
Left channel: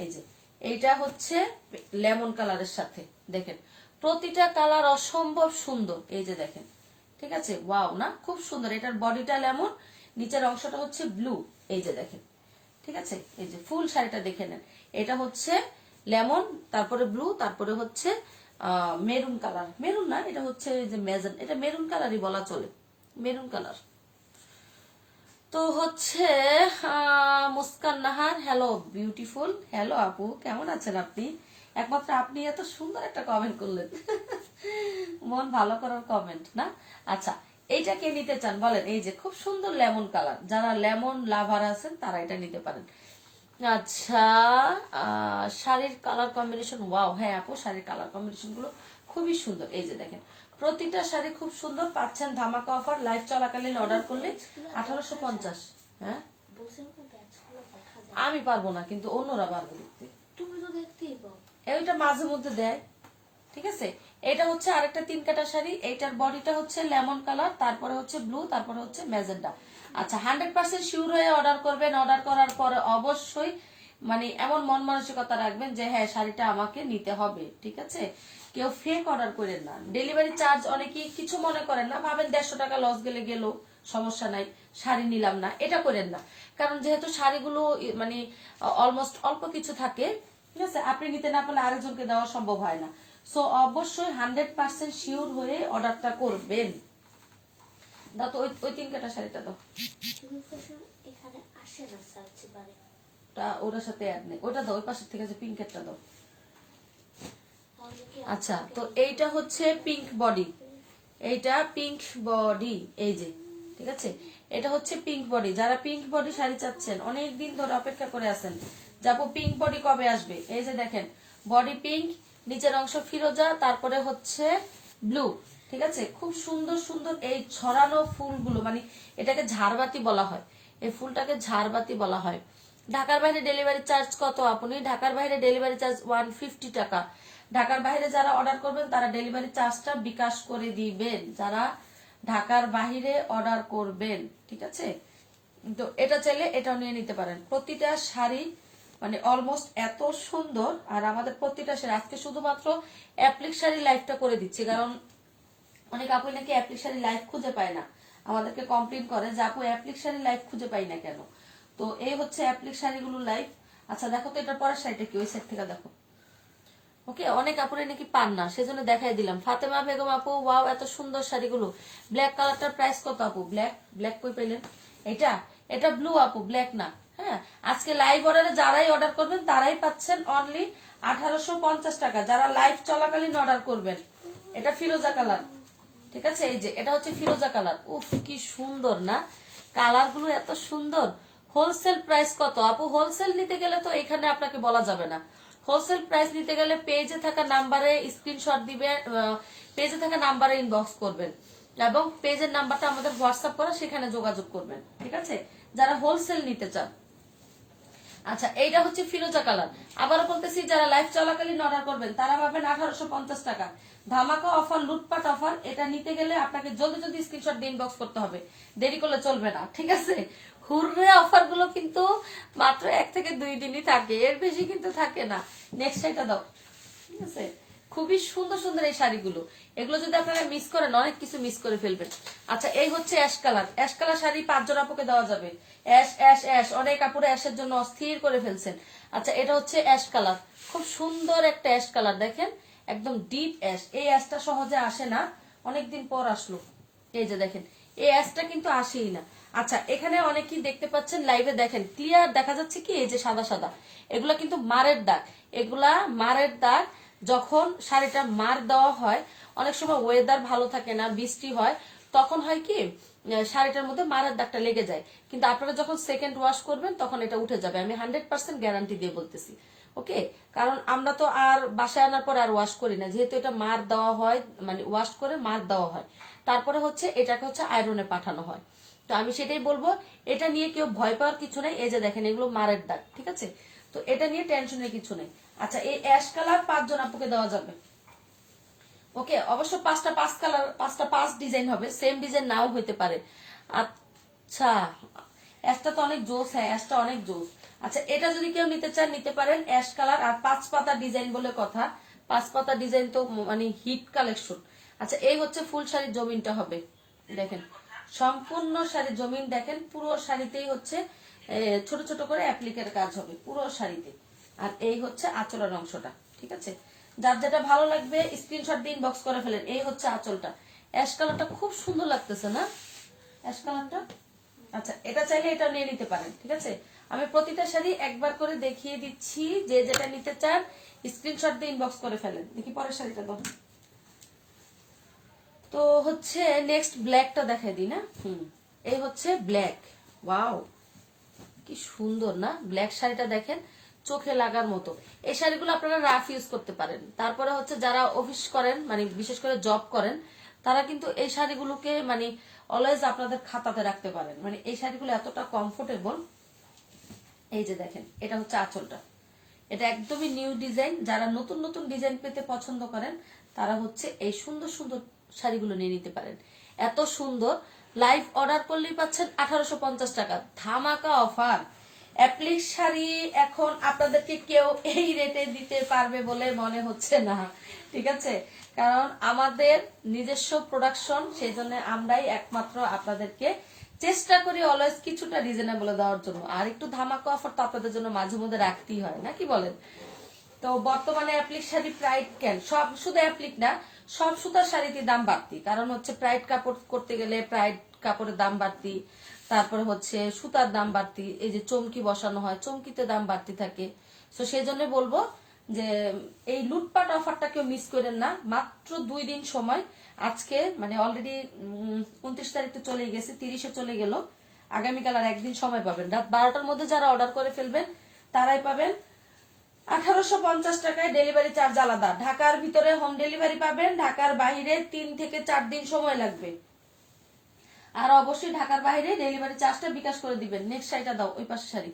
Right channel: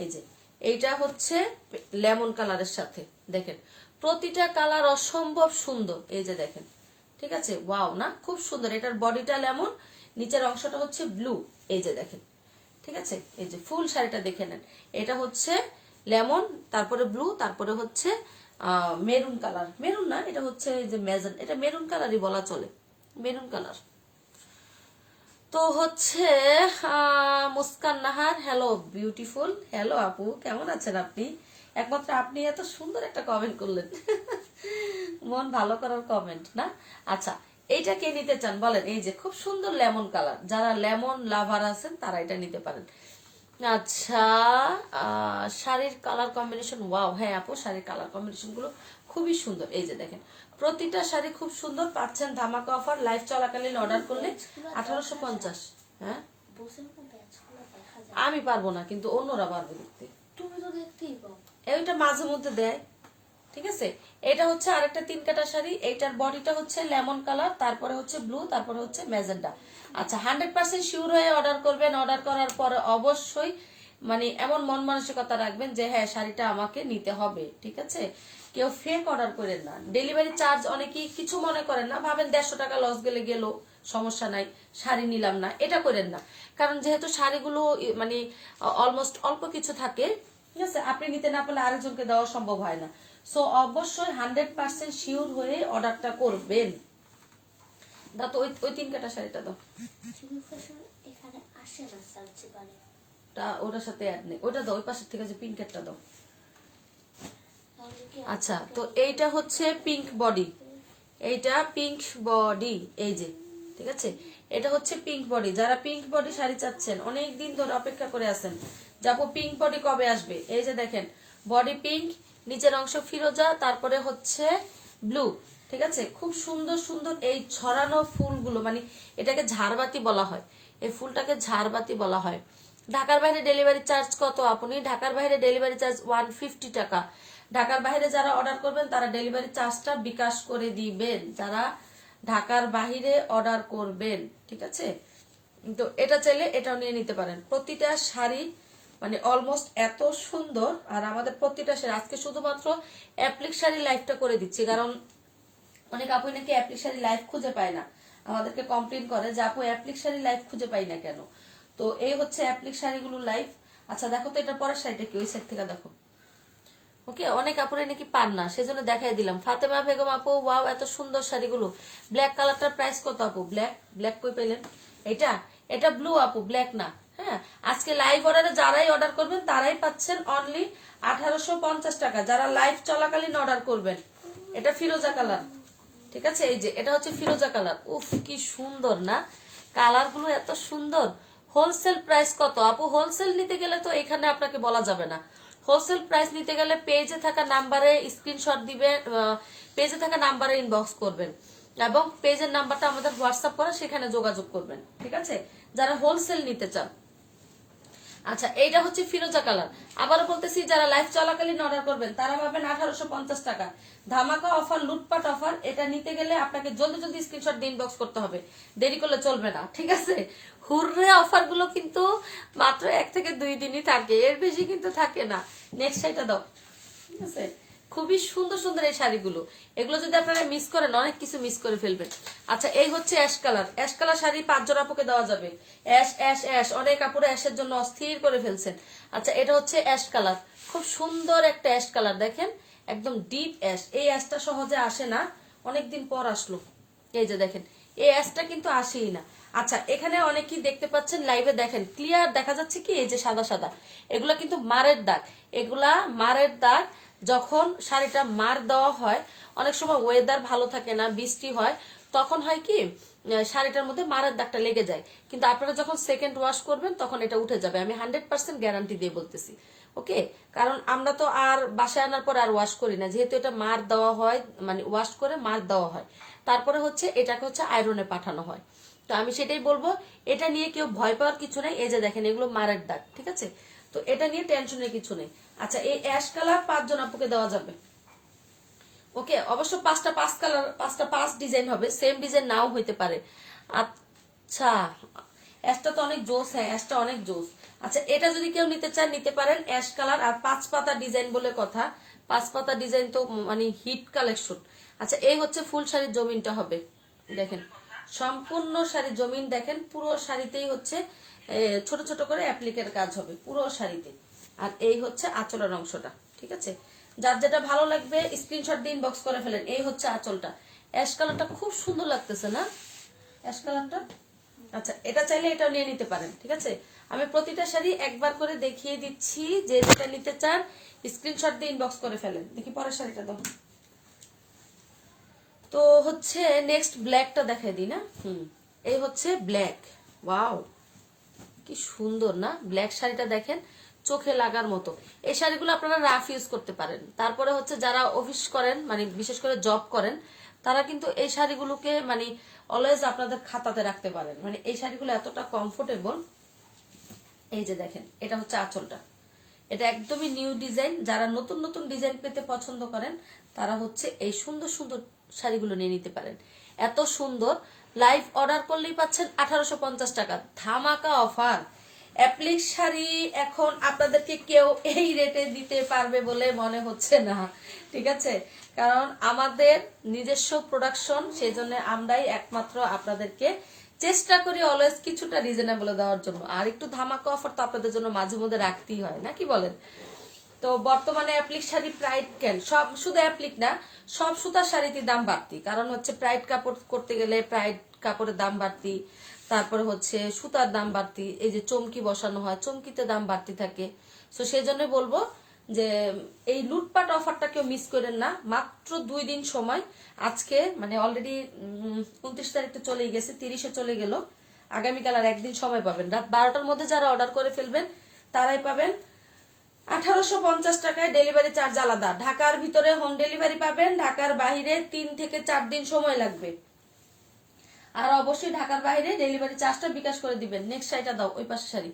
এই যে এইটা হচ্ছে লেমন কালারের সাথে, দেখেন প্রতিটা কালার অসম্ভব সুন্দর। এই যে দেখেন, ঠিক আছে? ওয়াও না, খুব সুন্দর। এটার বডিটা লেমন, নিচের অংশটা হচ্ছে ব্লু। এই যে দেখেন, ঠিক আছে? এই যে ফুল শাড়িটা দেখে নেন। এটা হচ্ছে লেমন, তারপরে ব্লু, তারপরে হচ্ছে মেরুন কালার। মেরুন না, এটা হচ্ছে এই যে ম্যাজেন, এটা মেরুন কালারই বলা চলে, মেরুন কালার। তো হচ্ছে Muskan Nahar, hello beautiful, hello আপু, কেমন আছেন আপনি? একমাত্র আপনি এত সুন্দর একটা কমেন্ট করলেন, মন ভালো করার কমেন্ট না? আচ্ছা, এইটা কে নিতে চান বলেন? এই যে খুব সুন্দর লেমন কালার, যারা লেমন লাভার আছেন তারা এটা নিতে পারেন। আচ্ছা, শাড়ির কালার কম্বিনেশন, ওয়াও, হ্যাঁ আপু শাড়ির কালার কম্বিনেশন গুলো খুবই সুন্দর। এই যে দেখেন প্রতিটা শাড়ি খুব সুন্দর, পাচ্ছেন ধামাকা অফার। লাইভ চলাকালীন অর্ডার করলে 1850। হ্যাঁ, আমি পারবো না, কিন্তু অন্যরা পারবে দেখতে। তুমি তো দেখতেই পাও, এইটা মাঝে মধ্যে দেয়, ঠিক আছে? এটা হচ্ছে আরেকটা 3 কাটা শাড়ি। এইটার বডিটা হচ্ছে লেমন কালার, তারপরে হচ্ছে ব্লু, তারপরে হচ্ছে ম্যাজেন্ডা। আচ্ছা, 100% শিওর হয়ে অর্ডার করবেন। অর্ডার করার পরে অবশ্যই মানে এমন মন মানসিকতা রাখবেন যে হ্যাঁ শাড়িটা আমাকে নিতে হবে, ঠিক আছে? কেউ ফেক অর্ডার করেন না। ডেলিভারি চার্জ অনেকেই কিছু মনে করেন না, ভাবেন 150 টাকা লস গেলে গেল, সমস্যা নাই, শাড়ি নিলাম না, এটা করেন না। কারণ যেহেতু শাড়িগুলো মানে অলমোস্ট অল্প কিছু থাকে, ঠিক আছে? আপনি নিতে না পারলে আরেকজনকে দেওয়া সম্ভব হয় না। সো অবশ্যই 100% শিওর হয়ে অর্ডারটা করবেন। দাও তো ওই 3 কাটা শাড়িটা দাও, এখানে আসে না সার্চে বারে, ওটার সাথে অ্যাড নেই, ওটা দাও। ওই পাশের থেকে যে পিঙ্ক একটা দাও। আচ্ছা, তো এইটা হচ্ছে পিঙ্ক বডি, এইটা পিঙ্ক বডি, এই যে, ঠিক আছে? এটা হচ্ছে পিঙ্ক বডি। যারা পিঙ্ক বডি শাড়ি চাচ্ছেন, অনেক দিন ধরে অপেক্ষা করে আছেন যাবো পিঙ্ক বডি কবে আসবে, এই যে দেখেন বডি পিঙ্ক, নিচের অংশ ফিরোজা, তারপরে হচ্ছে ব্লু, ঠিক আছে? খুব সুন্দর সুন্দর এই ছড়ানো ফুলগুলো, মানে এটাকে ঝাড়বাতি বলা হয়, এই ফুলটাকে ঝাড়বাতি বলা হয়। ঢাকার বাইরে ডেলিভারি চার্জ কত আপনি? ঢাকার বাইরে ডেলিভারি চার্জ 150 টাকা। ঢাকার বাইরে যারা অর্ডার করবেন তারা ডেলিভারি চার্জটা বিকাশ করে দিবেন, যারা ঢাকার বাইরে অর্ডার করবেন, ঠিক আছে? তো এটা চাইলে এটাও নিয়ে নিতে পারেন। প্রতিটা শাড়ি মানে অলমোস্ট এত সুন্দর, আর আমাদের প্রতিটা শাড়ি আজকে শুধুমাত্র অ্যাপ্লিক শাড়ি লাইভটা করে দিচ্ছি, কারণ অনেক আপু নাকি অ্যাপ্লিক শাড়ি লাইভ খুঁজে পায় না, আমাদেরকে কমপ্লেন করে যে আপু অ্যাপ্লিক শাড়ি লাইভ খুঁজে পাই না কেন। তো এই হচ্ছে অ্যাপ্লিক শাড়িগুলো লাইভ। আচ্ছা দেখো তো এটার পরের শাড়িটা কি, ওই সাইড থেকে দেখো। ওকে, অনেক আপুরে নাকি পান না, সেজন্য দেখাই দিলাম। ফাতেমা বেগম আপু, ওয়াও এত সুন্দর শাড়িগুলো। ব্ল্যাক কালারটার প্রাইস কত আপু? ব্ল্যাক ব্ল্যাক কই পেলেন? এটা এটা ব্লু আপু, ব্ল্যাক না। হ্যাঁ, আজকে লাইভ অর্ডারে যারাই অর্ডার করবেন তারাই পাচ্ছেন অনলি 1850 টাকা, যারা লাইভ চলাকালীন অর্ডার করবেন। এটা ফিরোজা কালার, ঠিক আছে? এই যে এটা হচ্ছে ফিরোজা কালার। উফ কি সুন্দর না, কালার গুলো এত সুন্দর। হোলসেল প্রাইস কত আপু? হোলসেল নিতে গেলে তো এখানে আপনাকে বলা যাবে না। হোলসেল প্রাইস নিতে গেলে পেজে থাকা নাম্বারে স্ক্রিনশট দিবেন, পেজে থাকা নাম্বারে ইনবক্স করবেন এবং পেজের নাম্বারটা আমাদের হোয়াটসঅ্যাপ করে সেখানে যোগাযোগ করবেন, ঠিক আছে, যারা হোলসেল নিতে চান। আচ্ছা এইটা হচ্ছে ফিরোজা কালার। আবারও বলতেছি, যারা লাইভ চলাকালীন অর্ডার করবেন তারা পাবেন 1850 টাকা। ধামাকা অফার, লুটপাট অফার। এটা নিতে গেলে আপনাকে জলদি জলদি স্ক্রিনশট দিয়ে ইনবক্স করতে হবে, দেরি করলে চলবে না, ঠিক আছে? হুররে অফার গুলো কিন্তু মাত্র 1 থেকে 2 দিনই থাকে, এর বেশি কিন্তু থাকে না। নেক্সট শাড়িটা দাও, ঠিক আছে? খুবই সুন্দর সুন্দর এই শাড়িগুলো, এগুলো যদি আপনারা মিস করেন অনেক কিছু মিস করে ফেলবেন। আচ্ছা এই হচ্ছে ash colour. Ash colour sari 5 জন আপুকে দেওয়া যাবে। অ্যাশ অ্যাশ অ্যাশ, অনেক আপুরা অ্যাশের জন্য অস্থির করে ফেলছেন। আচ্ছা এটা হচ্ছে অ্যাশ কালার, খুব সুন্দর একটা অ্যাশ কালার, দেখেন একদম ডিপ অ্যাশ। এই অ্যাশটা সহজে আসে না, অনেকদিন পর আসলো। এই যে দেখেন, এই অ্যাশটা কিন্তু আসেই না। আচ্ছা এখানে অনেকেই দেখতে পাচ্ছেন লাইভে, দেখেন ক্লিয়ার দেখা যাচ্ছে কি, এই যে সাদা সাদা, এগুলা কিন্তু মারের দাগ। এগুলা মারের দাগ। যখন শাড়িটা মার দেওয়া হয়, অনেক সময় ওয়েদার ভালো থাকে না, বৃষ্টি হয়, তখন হয় কি শাড়িটার মধ্যে মারের দাগটা লেগে যায়। কিন্তু আপনারা যখন সেকেন্ড ওয়াশ করবেন তখন এটা উঠে যাবে, আমি 100% গ্যারান্টি দিয়ে বলতেছি। ওকে, কারণ আমরা তো আর বাসায় আনার পর আর ওয়াশ করি না, যেহেতু এটা মার দেওয়া হয়, মানে ওয়াশ করে মার দেওয়া হয়, তারপরে হচ্ছে এটাকে হচ্ছে আয়রনে পাঠানো হয়। তো আমি সেটাই বলবো, এটা নিয়ে কেউ ভয় পাওয়ার কিছু নেই। এই যে দেখেন এগুলো মারের দাগ, ঠিক আছে? তো এটা নিয়ে টেনশনের কিছু নেই। আচ্ছা এই অ্যাশ কালার 5 জন আপুকে দেওয়া যাবে। ওকে, অবশ্য 5টা 5 কালার, 5টা 5 ডিজাইন হবে, সেম ডিজাইন নাও হইতে পারে। আচ্ছা অ্যাশটা তো অনেক জোস, হ্যাঁ অ্যাশটা অনেক জোস। আচ্ছা এটা যদি কেউ নিতে চান নিতে পারেন, অ্যাশ কালার। আর 5 পাতা ডিজাইন বলে কথা, 5 পাতা ডিজাইন তো মানে হিট কালেকশন। আচ্ছা এই হচ্ছে ফুল শাড়ির জমিনটা হবে, দেখেন সম্পূর্ণ শাড়ির জমিন, দেখেন পুরো শাড়িতেই হচ্ছে ছোট ছোট করে অ্যাপ্লিকের কাজ হবে পুরো শাড়িতে। আর এই হচ্ছে আঁচলের অংশটা, ঠিক আছে? যার যেটা ভালো লাগবে স্ক্রিনশট দিয়ে ইনবক্স করে ফেলেন। এই হচ্ছে আঁচলটা, অ্যাশ কালারটা খুব সুন্দর লাগতেছে না অ্যাশ কালারটা? আচ্ছা এটা চাইলে এটাও নিয়ে নিতে পারেন, ঠিক আছে? আমি প্রতিটা শাড়ি একবার করে দেখিয়ে দিচ্ছি, যে যেটা নিতে চান স্ক্রিনশট দিয়ে ইনবক্স করে ফেলেন। দেখি পরের শাড়িটা দাও। তো হচ্ছে নেক্সট ব্ল্যাকটা দেখাই দিই না। এই হচ্ছে ব্ল্যাক। ওয়াও কি সুন্দর না ব্ল্যাক শাড়িটা, দেখেন চোখে লাগার মতো। এই শাড়িগুলো আপনারা রাফ ইউজ করতে পারেন। তারপরে হচ্ছে যারা অফিস করেন, মানে বিশেষ করে জব করেন, তারা কিন্তু এই শাড়িগুলোকে মানে অলওয়েজ আপনাদের খাতাতে রাখতে পারেন। মানে এই শাড়িগুলো এতটা কমফোর্টেবল। এই যে দেখেন এটা হচ্ছে আঁচলটা, এটা একদমই নিউ ডিজাইন। যারা নতুন নতুন ডিজাইন পেতে পছন্দ করেন তারা হচ্ছে এই সুন্দর সুন্দর শাড়িগুলো নিয়ে নিতে পারেন। এত সুন্দর, লাইভ অর্ডার করলেই পাচ্ছেন 1850 টাকা, ধামাকা অফার। অ্যাপ্লিক শাড়ি এখন আপনাদেরকে কেউ এই রেটে দিতে পারবে বলে মনে হচ্ছে না, ঠিক আছে? কারণ আমাদের নিজস্ব প্রোডাকশন, সেই জন্য আমরাই একমাত্র আপনাদেরকে চেষ্টা করি অলওয়েজ কিছুটা রিজনেবল দেওয়ার জন্য। আর একটু ধামাকা অফার তো আপনাদের জন্য মাঝে মধ্যে রাখতেই হয়, নাকি বলেন? তো বর্তমানে অ্যাপ্লিক শাড়ি প্রাইড কেন, সব শুধু অ্যাপ্লিক না, সব সুতার শাড়িতে দাম বাড়তি। কারণ হচ্ছে প্রাইড কাপড় করতে গেলে প্রাইড কাপড়ের দাম বাড়তি, তারপরে হচ্ছে সুতার দাম বাড়তি, এই যে চমকি বসানো হয় চমকিতে দাম বাড়তি থাকে। তো সেই জন্য বলবো যে এই লুটপাট অফারটা কেউ মিস করেন না। মাত্র 2 দিন সময়, আজকে মানে অলরেডি 29 তারিখ তো চলে গেছে, 30-এ চলে গেল, আগামীকাল আর একদিন সময় পাবেন। রাত 12টার মধ্যে যারা অর্ডার করে ফেলবেন তারাই পাবেন 1850 টাকায়। ডেলিভারি চার্জ আলাদা, ঢাকার ভিতরে হোম ডেলিভারি পাবেন, ঢাকার বাইরে 3 থেকে 4 দিন সময় লাগবে। আর অবশ্যই ঢাকার বাইরে ডেলিভারি চার্জটা বিকাশ করে দিবেন। নেক্সট শাড়িটা দাও, ওই পাশে শাড়ি।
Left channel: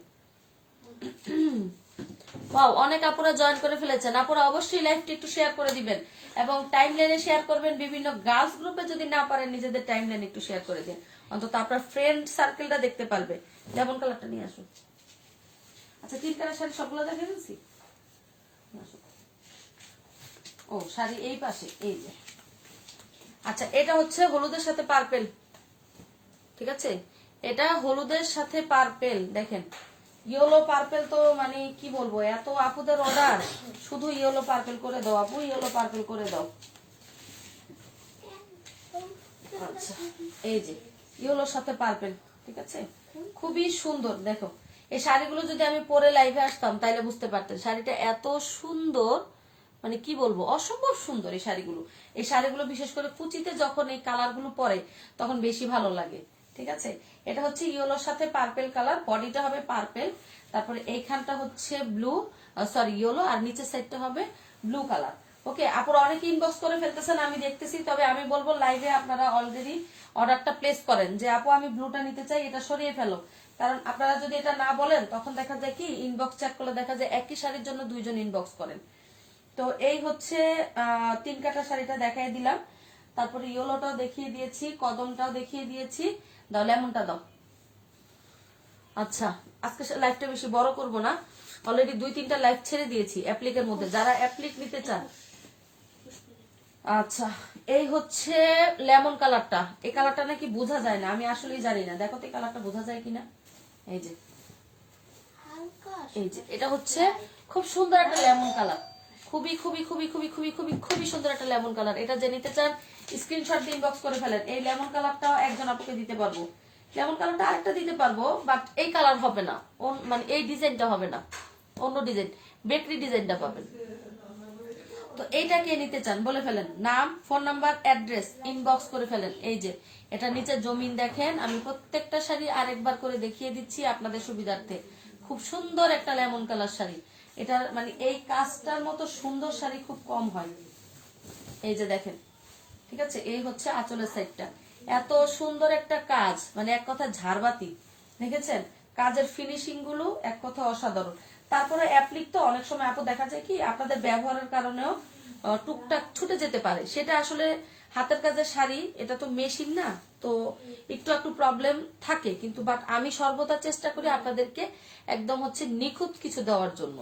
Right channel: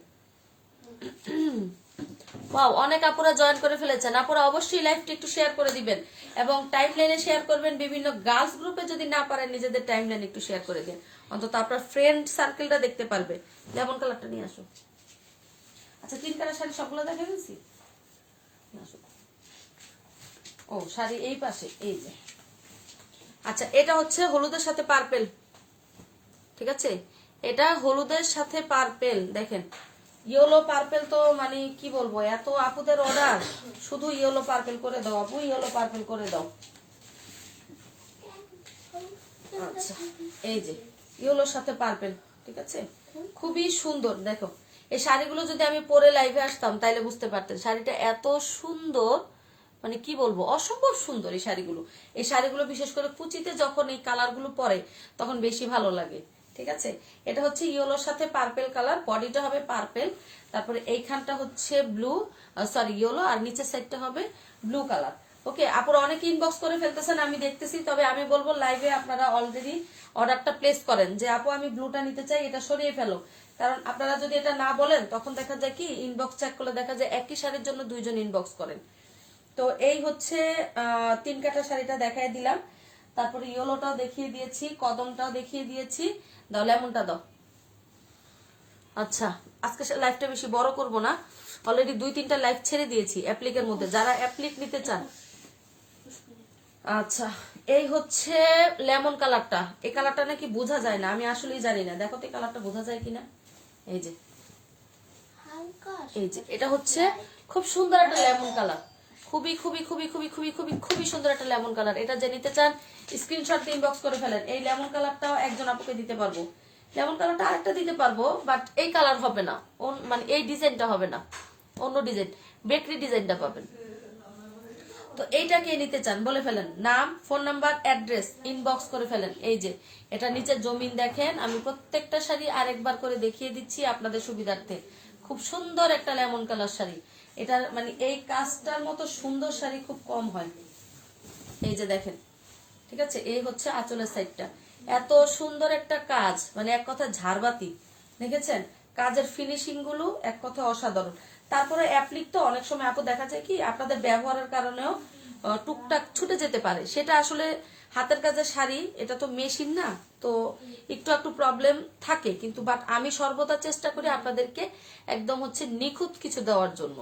ওয়াও, অনেক আপুরা জয়েন করে ফেলেছেন। আপুরা অবশ্যই লাইভটি একটু শেয়ার করে দিবেন এবং টাইম লাইনে শেয়ার করবেন। বিভিন্ন গার্লস গ্রুপে যদি না পারেন নিজেদের টাইম লাইনে একটু শেয়ার করে দিন, অন্তত আপনার ফ্রেন্ড সার্কেলটা দেখতে পারবে। লেমন কালারটা নিয়ে আসো। আচ্ছা, 3 কালার শাড়ি সবগুলো দেখে ফেলছি। ও শাড়ি এই পাশে, এই যে। আচ্ছা, এটা হচ্ছে হলুদের সাথে পার্পেল, ঠিক আছে? এটা হলুদের সাথে পার্পেল, দেখেন ইয়েলো পার্পেল। তো মানে কি বলবো, এত আপুদের অর্ডার, শুধু ইয়েলো পার্পেল করে দাও আপু, ইয়েলো পার্পেল করে দাও। আচ্ছা, এই যে ইয়েলোর সাথে পার্পেল, ঠিক আছে? খুবই সুন্দর। দেখো এই শাড়িগুলো যদি আমি পরে লাইভে আসতাম তাইলে বুঝতে পারতেন শাড়িটা এত সুন্দর, মানে কি বলবো, অসম্ভব সুন্দর এই শাড়িগুলো। এই শাড়িগুলো বিশেষ করে কুচিতে যখন এই কালারগুলো পরে তখন বেশি ভালো লাগে, ঠিক আছে? এটা হচ্ছে ইয়েলোর সাথে পার্পেল কালার, বডিটা হবে পার্পেল, তারপরে এইখানটা হচ্ছে ব্লু, সরি ইয়েলো, আর নিচের সাইডটা হবে ব্লু কালার। ওকে, আপুরা অনেকে ইনবক্স করে ফেলতেছেন, আমি দেখতেছি। তবে আমি বলবো লাইভে আপনারা অলরেডি অর্ডারটা প্লেস করেন যে আপু আমি ব্লুটা নিতে চাই, এটা সরিয়ে ফেলো। কারণ আপনারা যদি এটা না বলেন তখন দেখা যায় কি, ইনবক্স চেক করলে দেখা যায় একই শাড়ির জন্য 2 জন ইনবক্স করেন। তো এই হচ্ছে 3 কাটা শাড়িটা দেখাই দিলাম, তারপরে ইয়েলোটাও দেখিয়ে দিয়েছি, কদমটাও দেখিয়ে দিয়েছি। দাও লেমনটা দাও। আচ্ছা, আজকে লাইভটা বেশি বড় করব না, অলরেডি 2-3টা লাইভ ছেড়ে দিয়েছি অ্যাপ্লিকের মধ্যে, যারা অ্যাপ্লিক নিতে চান। আচ্ছা, এই হচ্ছে লেমন কালারটা। এই কালারটা নাকি বোঝা যায় না, আমি আসলেই জানি না। দেখো তো এই কালারটা বোঝা যায় কিনা। এই যে, এই যে এটা হচ্ছে খুব সুন্দর একটা লেমন কালার, খুবই খুবই খুবই খুবই খুবই খুবই খুবই সুন্দর একটা লেমন কালার। এটা যে নিতে চান স্ক্রিনশট দিয়ে ইনবক্স করে ফেলেন। এই লেমন কালারটাও একজন আপুকে দিতে পারবো, লেমন কালারটা আরেকটা দিতে পারবো, বাট এই কালার হবে না, মানে এই ডিজাইনটা হবে না, অন্য ডিজাইন, বেকরি ডিজাইনটা পাবেন। তো এইটা কে নিতে চান বলে ফেলেন, নাম, ফোন নাম্বার, অ্যাড্রেস ইনবক্স করে ফেলেন। এই যে এটা নিচে জমিন দেখেন, আমি প্রত্যেকটা শাড়ি আরেকবার করে দেখিয়ে দিচ্ছি আপনাদের সুবিধার্থে। খুব সুন্দর একটা লেমন কালার শাড়ি, এটার মানে এই কাজটার মতো সুন্দর শাড়ি খুব কম হয়। এই যে দেখেন, ঠিক আছে? এই হচ্ছে আঁচলের সাইডটা, এত সুন্দর একটা কাজ, মানে এক কথা ঝাড়বাতি, দেখেছেন? কাজের ফিনিশিং গুলো এক কথা অসাধারণ। তারপরে অ্যাপ্লিক তো অনেক সময় আপু দেখা যায় কি আপনাদের ব্যবহারের কারণেও টুকটাক ছুটে যেতে পারে, সেটা আসলে হাতের কাজের শাড়ি, এটা তো মেশিন না, তো একটু প্রবলেম থাকে, কিন্তু বাট আমি সর্বদা চেষ্টা করি আপনাদেরকে একদম হচ্ছে নিখুঁত কিছু দেওয়ার জন্য।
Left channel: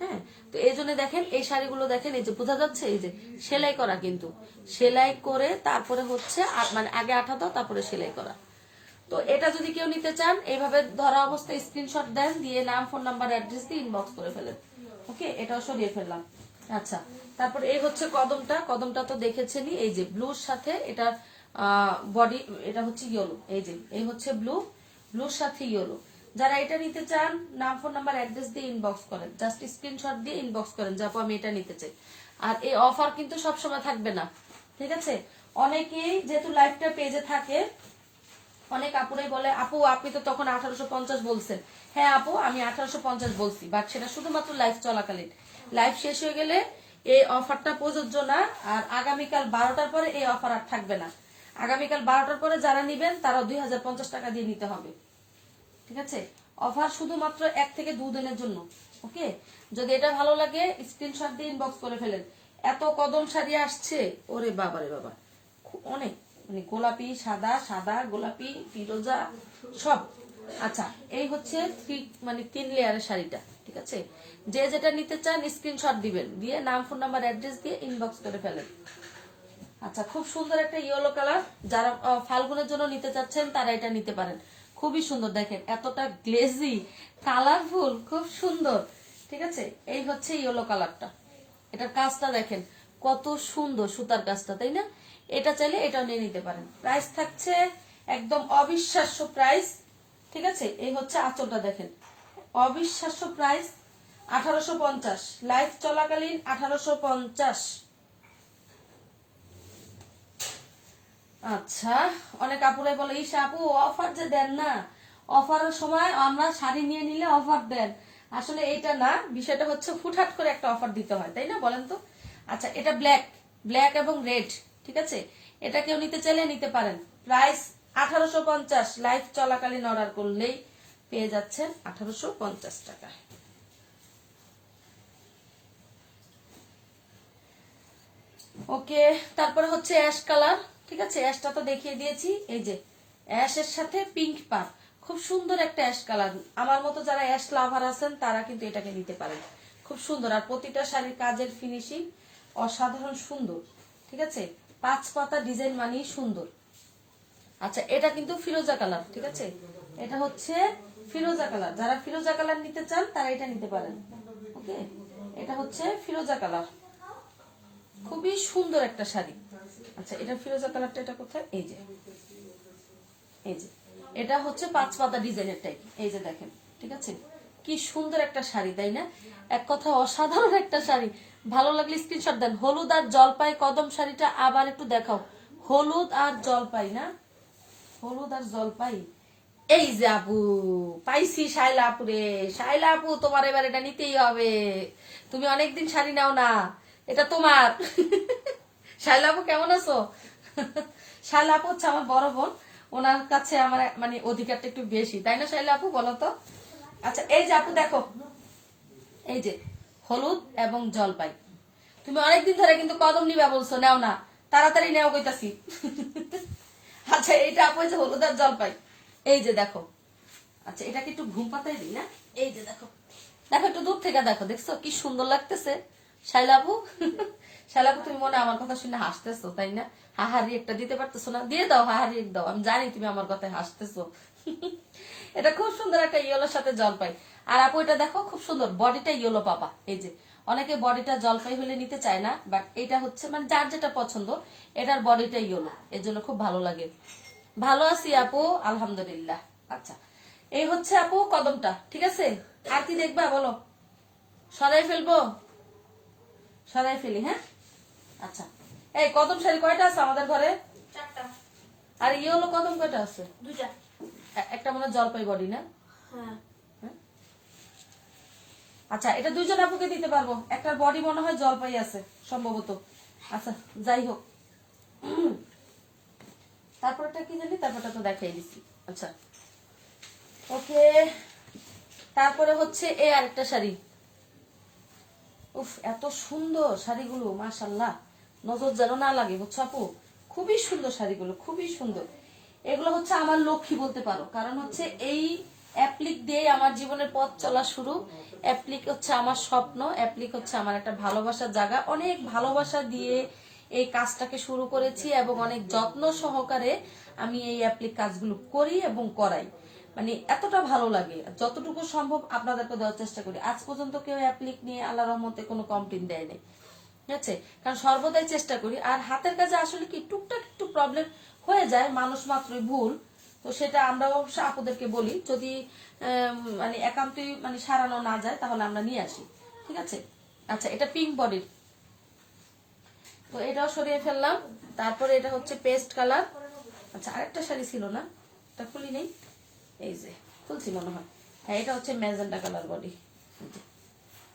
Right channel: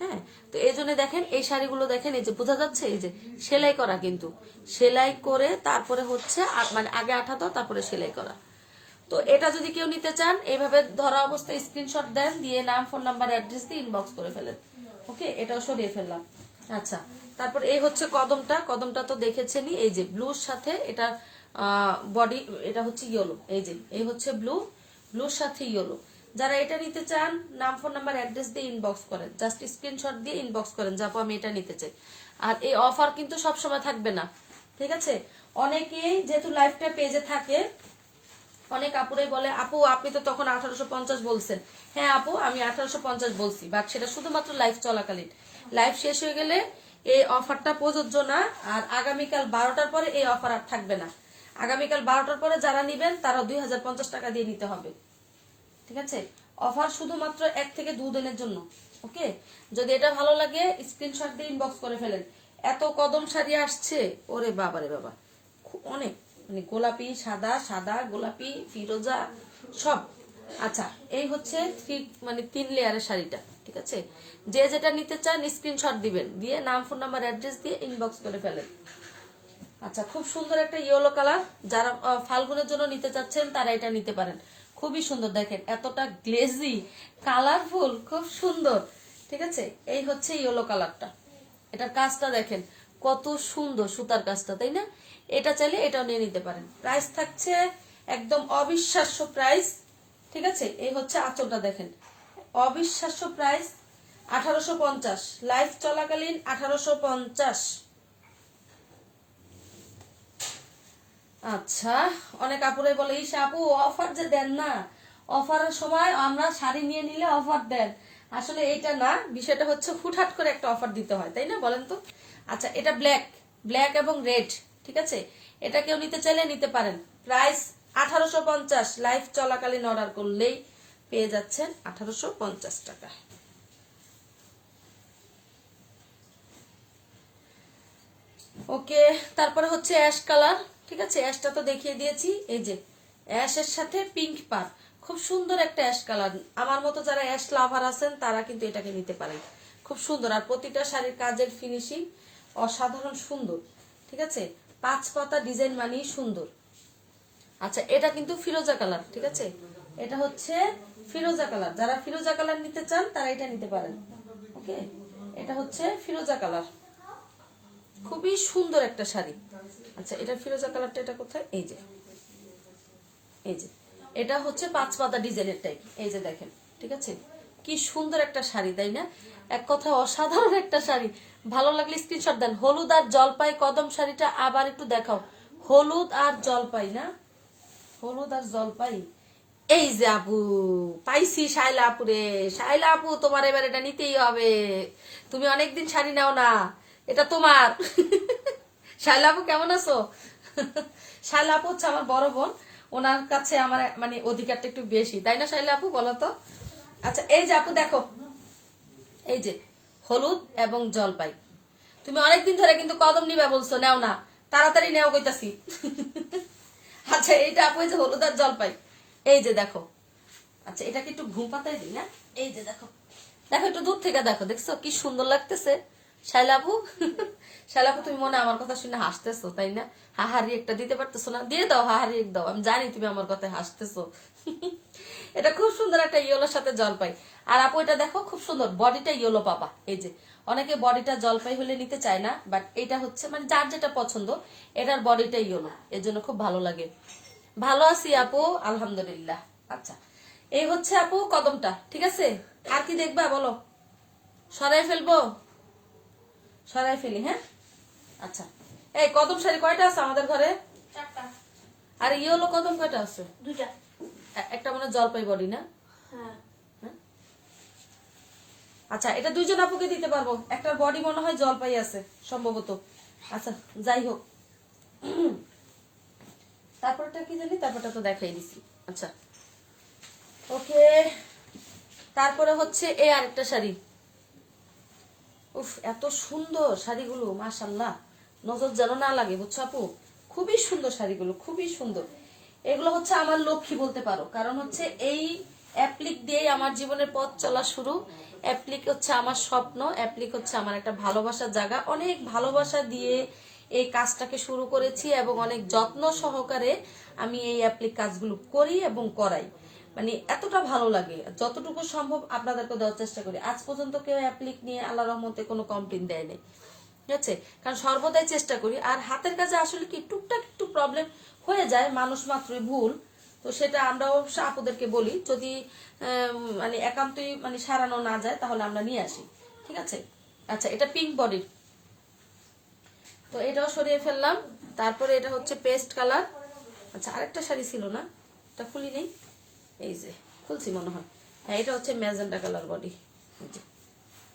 হ্যাঁ, তো এই জন্য দেখেন এই শাড়িগুলো দেখেন, এই যে বোঝা যাচ্ছে, এই যে সেলাই করা, কিন্তু সেলাই করে তারপরে হচ্ছে মানে আগে আঠা দাও তারপরে সেলাই করা। তো এটা যদি কেউ নিতে চান এইভাবে ধরা অবস্থায় স্ক্রিনশট দেন, দিয়ে নাম, ফোন নাম্বার, অ্যাড্রেস দিয়ে ইনবক্স করে ফেলেন। ওকে, এটাও সরিয়ে ফেললাম। আচ্ছা, তারপর এই হচ্ছে কদমটা, কদমটা তো দেখেছেনই, এই যে ব্লুর সাথে এটা বডি, এটা হচ্ছে ইয়েলো, এই যে এই হচ্ছে ব্লু, ব্লুর সাথে ইয়েলো। যারা এটা নিতে চান নাম, ফোন নাম্বার, অ্যাড্রেস দিয়ে ইনবক্স করেন, জাস্ট স্ক্রিনশট দিয়ে ইনবক্স করেন যাবো আমি এটা নিতে চাই। আর এই অফার কিন্তু সবসময় থাকবে না, ঠিক আছে? অনেকেই যেহেতু লাইফটা পেজে থাকে, অনেক আপুরাই বলে আপু আপনি তো তখন 1850 বলছেন। হ্যাঁ আপু, আমি 1850 বলছি, বাট সেটা শুধুমাত্র লাইভ চলাকালীন। লাইভ শেষ হয়ে গেলে এই অফারটা প্রযোজ্য না, আর আগামীকাল 12টার পরে এই অফার আর থাকবে না। আগামীকাল 12টার পরে যারা নিবেন তারা 2050 টাকা দিয়ে নিতে হবে, ঠিক আছে? অফার শুধুমাত্র 1 থেকে 2 দিনের জন্য। ওকে, যদি এটা ভালো লাগে স্ক্রিনশট দিয়ে ইনবক্স করে ফেলেন। এত কদম শাড়ি আসছে, ওরে বাবা রে বাবা, অনেক, মানে গোলাপি, সাদা, সাদা গোলাপি, ফিরোজা সব। আচ্ছা, এই হচ্ছে 3 লেয়ারের শাড়িটা, ঠিক আছে? যে যেটা নিতে চান স্ক্রিনশট দিবেন, দিয়ে নাম, ফোন নাম্বার, অ্যাড্রেস দিয়ে ইনবক্স করে ফেলেন। আচ্ছা, খুব সুন্দর একটা ইয়েলো কালার, যারা ফাল্গুনের জন্য নিতে চাচ্ছেন তারা এটা নিতে পারেন। খুবই সুন্দর, দেখেন এতটা গ্লেজি, কালারফুল, খুব সুন্দর, ঠিক আছে? এই হচ্ছে ইয়েলো কালারটা, এটার কাজটা দেখেন কত সুন্দর, সুতার কাজটা, তাই না? এটা চাইলে এটাও নিয়ে নিতে পারেন। প্রাইস থাকছে একদম অবিশ্বাস্য প্রাইস, ঠিক আছে? এই হচ্ছে আঁচলটা দেখেন, অবিশ্বাস্য প্রাইস 1850, লাইভ চলাকালীন 1850। আচ্ছা, অনেক আপুরাই বলে ইস আপু অফার যে দেন না, অফারের সময় আমরা শাড়ি নিয়ে নিলে অফার দেন। আসলে এটা না, বিষয়টা হচ্ছে হুটহাট করে একটা অফার দিতে হয়, তাই না বলেন তো? আচ্ছা, এটা ব্ল্যাক, ব্ল্যাক এবং রেড, ঠিক আছে? এটা কেউ নিতে চাইলে নিতে পারেন। প্রাইস 1850, লাইভ চলাকালীন অর্ডার করলেই পেয়ে যাচ্ছেন 1850 টাকা। ওকে, তারপরে হচ্ছে অ্যাশ কালার। ঠিক আছে, অ্যাশটা তো দেখিয়ে দিয়েছি। এই যে অ্যাশের সাথে পিঙ্ক পার, খুব সুন্দর একটা অ্যাশ কালার। আমার মতো যারা অ্যাশ লাভার আছেন তারা কিন্তু এটাকে নিতে পারেন, খুব সুন্দর। আর প্রতিটা শাড়ির কাজের ফিনিশিং অসাধারণ সুন্দর। ঠিক আছে, 5 পাতা ডিজাইন মানেই সুন্দর। আচ্ছা, এটা কিন্তু ফিরোজা কালার। ঠিক আছে, এটা হচ্ছে ফিরোজা কালার। যারা ফিরোজা কালার নিতে চান তারা এটা নিতে পারেন। ওকে, এটা হচ্ছে ফিরোজা কালার, খুবই সুন্দর একটা শাড়ি। আচ্ছা, এটা ফিরোজা কালারটা, এটা কোথায়? এই যে, এই যে এটা হচ্ছে 5 পাতা ডিজাইনের টাইপ। এই যে দেখেন, ঠিক আছে, কি সুন্দর একটা শাড়ি, তাই না? এক কথা অসাধারণ একটা শাড়ি। ভালো লাগলে স্ক্রিনশট দেন। হলুদ আর জলপাই কদম শাড়িটা আবার একটু দেখাও। হলুদ আর জলপাই না, হলুদ আর জলপাই। এই যে আপু পাইছি, শাইলা আপু রে, শাইলা আপু তোমার এবার এটা নিতেই হবে। তুমি অনেকদিন শাড়ি নাও না, এটা তোমার। শাইলা আপু কেমন আছো? শাইলা আপু হচ্ছে আমার বড় বোন, ওনার কাছে আমার মানে অধিকারটা একটু বেশি, তাই না শাইলা আপু, বলো তো? আচ্ছা, এই যে আপু দেখো, এই যে হলুদ এবং জলপাই। তুমি অনেকদিন ধরে কিন্তু কদম নিবা বলছো, নেও না, তাড়াতাড়ি নেও কইতাছি। আচ্ছা, এইটা আপু যে হলুদ আর জলপাই, এই যে দেখো। আচ্ছা, এটাকে একটু ঘুম পাতাই দিই না। এই যে দেখো, দেখো একটু দূর থেকে দেখো, দেখছো কি সুন্দর লাগতেছে শাইলাপু। শাইলাপু তুমি মনে আমার কথা শুনে হাসতেছো, তাই না? হাহারি একটা দিতে পারতেছো না? দিয়ে দাও, হাহারি দাও, আমি জানি তুমি আমার কথায় হাসতেছো। এটা খুব সুন্দর একটা ইয়েলোর সাথে জলপাই। আর আপু এটা দেখো, খুব সুন্দর বডিটা ইয়েলো পাবা। এই যে অনেকে বডিটা জলপাই হলে নিতে চায় না, বাট এটা হচ্ছে মানে যার যেটা পছন্দ, এটার বডিটা ইয়েলো, এর জন্য খুব ভালো লাগে। ভালো আছি আপু, আলহামদুলিল্লাহ। আচ্ছা, এই হচ্ছে আপু কদমটা। ঠিক আছে, আর কি দেখবা বলো? সরাই ফেলবো? সরাই ফেলি, হ্যাঁ। আচ্ছা, এই কদম শাড়ি কয়টা আছে আমাদের ঘরে? 4টা। আর ইয়েলো কদম কয়টা আছে? 2টা। একটা মানে জলপাই বডি না? হ্যাঁ। হ্যাঁ? আচ্ছা, এটা 2জন আপুকে দিতে পারবো। একটার বডি মনে হয় জলপাই আছে সম্ভবত। আচ্ছা, যাই হোক। তারপরটা কি জানি, তারপরটা তো দেখাই দিছি। আচ্ছা, ওকে, তারপরে হচ্ছে এই আরেকটা শাড়ি। উফ, এত সুন্দর শাড়িগুলো, মাশাল্লাহ, নজর যেন না লাগে, বুঝছো আপু? খুবই সুন্দর শাড়িগুলো, খুবই সুন্দর। এগুলো হচ্ছে আমার লক্ষ্মী বলতে পারো, কারণ হচ্ছে এই অ্যাপ্লিক দিয়ে আমার জীবনের পথ চলা শুরু। অ্যাপ্লিক হচ্ছে আমার স্বপ্ন, অ্যাপ্লিক হচ্ছে আমার একটা ভালোবাসার জায়গা। অনেক ভালোবাসা দিয়ে এই কাজটাকে শুরু করেছি এবং অনেক যত্ন সহকারে আমি এই অ্যাপ্লিক কাজগুলো করি এবং করাই। মানে এতটা ভালো লাগে, যতটুকু সম্ভব আপনাদেরকে দেওয়ার চেষ্টা করি। আজ পর্যন্ত কেউ অ্যাপ্লিক নিয়ে আল্লাহ রহমতে কোনো কমপ্লেন দেয়নি। ঠিক আছে, কারণ সর্বদাই চেষ্টা করি। আর হাতের কাছে আসলে কি টুকটাক একটু প্রবলেম হয়ে যায়, মানুষ মাত্রই ভুল। তো সেটা আমরা অবশ্য আপুদেরকে বলি, যদি মানে একান্তই মানে সারানো না যায় তাহলে আমরা নিয়ে আসি। ঠিক আছে। আচ্ছা, এটা পিঙ্ক বডির, তো এটাও সরিয়ে ফেললাম। তারপরে এটা হচ্ছে পেস্ট কালার। আচ্ছা, আরেকটা শাড়ি ছিল না, এটা খুলি নেই। এই যে খুলছি মনে হয়, হ্যাঁ, এটা হচ্ছে ম্যাজেন্টা কালার বডি।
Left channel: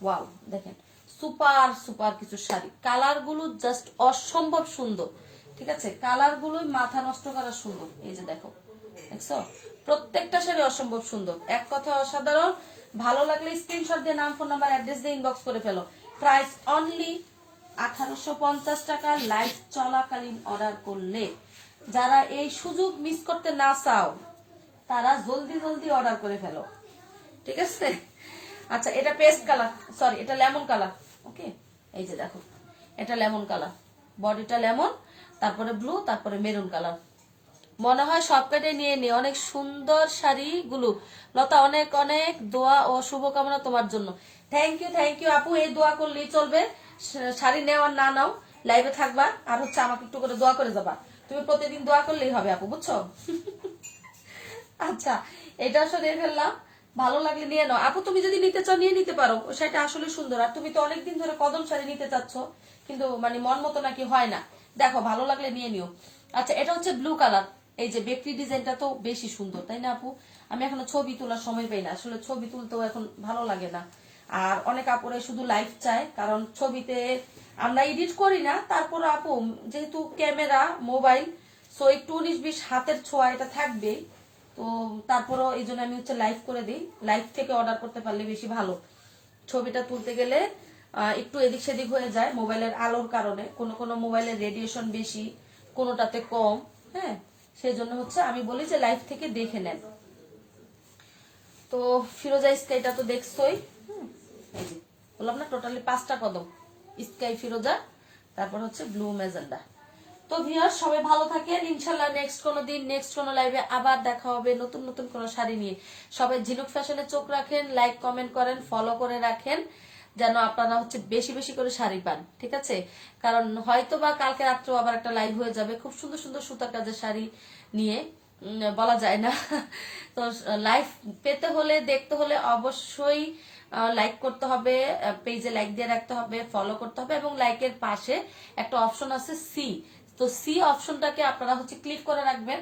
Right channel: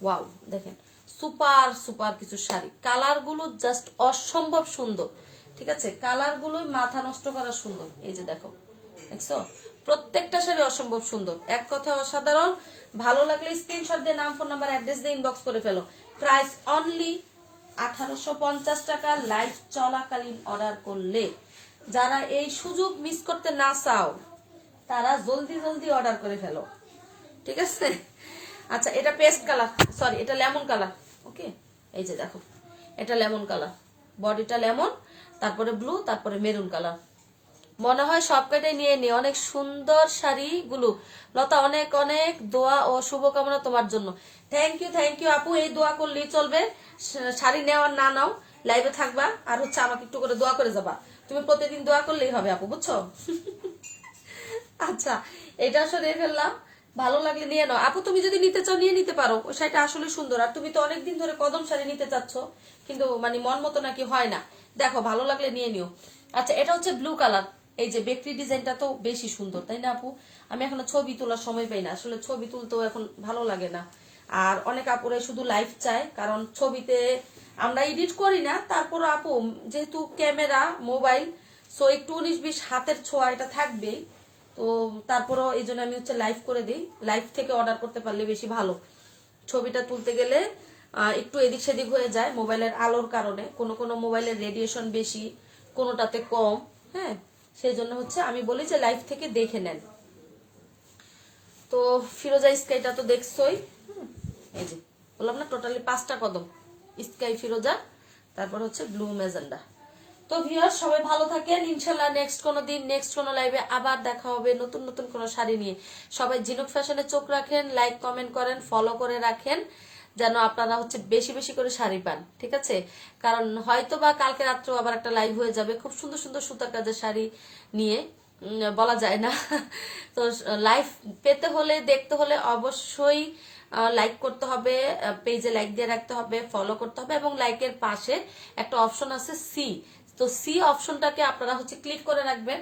ওয়াও, দেখেন সুপার সুপার কিছু শাড়ি, কালার গুলো জাস্ট অসম্ভব সুন্দর। ঠিক আছে, কালার গুলো মাথা নষ্ট করা সুন্দর। এই যে দেখো, দেখছো, প্রত্যেকটা শাড়ি অসম্ভব সুন্দর, এক কথায় অসাধারণ। ভালো লাগলে স্ক্রিনশট দিয়ে নাম, ফোন নাম্বার, অ্যাড্রেস দিয়ে ইনবক্স করে ফেলো। প্রাইস অনলি 1850 টাকা লাইভ চলাকালীন অর্ডার করলে। যারা এই সুযোগ মিস করতে না চাও তারা জলদি জলদি অর্ডার করে ফেলো। ঠিক আছে। আচ্ছা, এটা পেস্ট কালার, সরি এটা লেমন কালার। ওকে, এই যে দেখো, এটা লেমন কালার, বডিটা লেমন, তারপরে ব্লু, তারপরে মেরুন কালার। মনে হয় সব কেটে নিয়ে নি। অনেক সুন্দর শাড়িগুলো। লতা, অনেক অনেক দোয়া ও শুভকামনা তোমার জন্য। থ্যাংক ইউ আপু, এই দোয়া করলেই চলবে। শাড়ি নেওয়ার না নাও, লাইভে থাকবা আর হচ্ছে আমাকে একটু করে দোয়া করে যাবা। তুমি প্রতিদিন দোয়া করলেই হবে আপু, বুঝছো? আচ্ছা, এটা সরিয়ে ফেললাম। ভালো লাগলে নিয়ে নাও আপু, তুমি যদি নিতে চাও নিয়ে নিতে পারো, সেটা আসলে সুন্দর। আর তুমি তো অনেকদিন ধরে কদম শাড়ি নিতে চাচ্ছ, কিন্তু মানে মন মতো নাকি হয় না। দেখো, ভালো লাগলে নিয়ে নিও। আচ্ছা, এটা হচ্ছে ব্লু কালার। এই যে বেকরি ডিজাইনটা তো বেশি সুন্দর, তাই না আপু? আমি এখনো ছবি তোলার সময় পাই না, আসলে ছবি তুলতেও এখন ভালো লাগে না। আর অনেক আপুরে শুধু লাইভ চায়, কারণ ছবিতে আমরা এডিট করি না। তারপরে আপু যেহেতু ক্যামেরা মোবাইল, সো একটু 19-20 হাতের ছোঁয়া এটা থাকবেই। তো তারপরও এই জন্য আমি হচ্ছে লাইভ করে দিই। লাইভ থেকে অর্ডার করতে পারলে বেশি ভালো। ছবিটা তুলতে গেলে একটু এদিক সেদিক হয়ে যায় মোবাইলের আলোর কারণে, কোনো কোনো মোবাইলের রেডিয়েশন বেশি, কোনোটাতে কম। হ্যাঁ, সেই জন্য হচ্ছে আমি বলি যে লাইভ থেকে দেখে নেন। তো ফিরোজা স্কাইটা তো দেখছোই, এই যে বললাম না টোটালি 5টা কদম, স্কাই ফিরোজা, তারপর হচ্ছে ব্লু ম্যাজেন্ডা। তো ভিউয়ার্স সবাই ভালো থাকেন, ইনশাল্লাহ নেক্সট কোনো দিন নেক্সট কোনো লাইভে আবার দেখা হবে নতুন নতুন কোনো শাড়ি নিয়ে। সবাই ঝিনুক ফ্যাশনে চোখ রাখেন, লাইক কমেন্ট করেন, ফলো করে রাখেন, যেন আপনারা হচ্ছে বেশি বেশি করে শাড়ি পান, ঠিক আছে? কারণ হয়তো বা কালকে রাত্রেও আবার একটা লাইভ হয়ে যাবে খুব সুন্দর সুন্দর সুতার কাজের শাড়ি নিয়ে, বলা যায় না। তো লাইভ পেতে হলে দেখতে হলে অবশ্যই লাইক করতে হবে, পেজে লাইক দিয়ে রাখতে হবে, ফলো করতে হবে, এবং লাইকের পাশে একটা অপশন আছে সি, তো সি অপশনটাকে আপনারা হচ্ছে ক্লিক করে রাখবেন।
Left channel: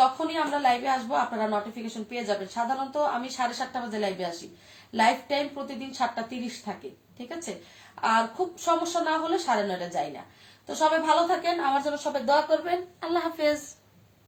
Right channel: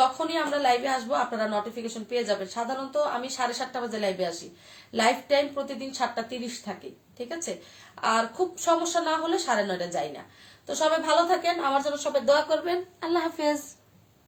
যখনই আমরা লাইভে আসবো আপনারা নোটিফিকেশন পেয়ে যাবেন। সাধারণত আমি 7:30 বাজে লাইভে আসি, লাইভ টাইম প্রতিদিন 7:30 থাকে, ঠিক আছে? আর খুব সমস্যা না হলে 9:30 যাই না। তো সবাই ভালো থাকেন, আমার জন্য সবাই দোয়া করবেন। আল্লাহ হাফেজ।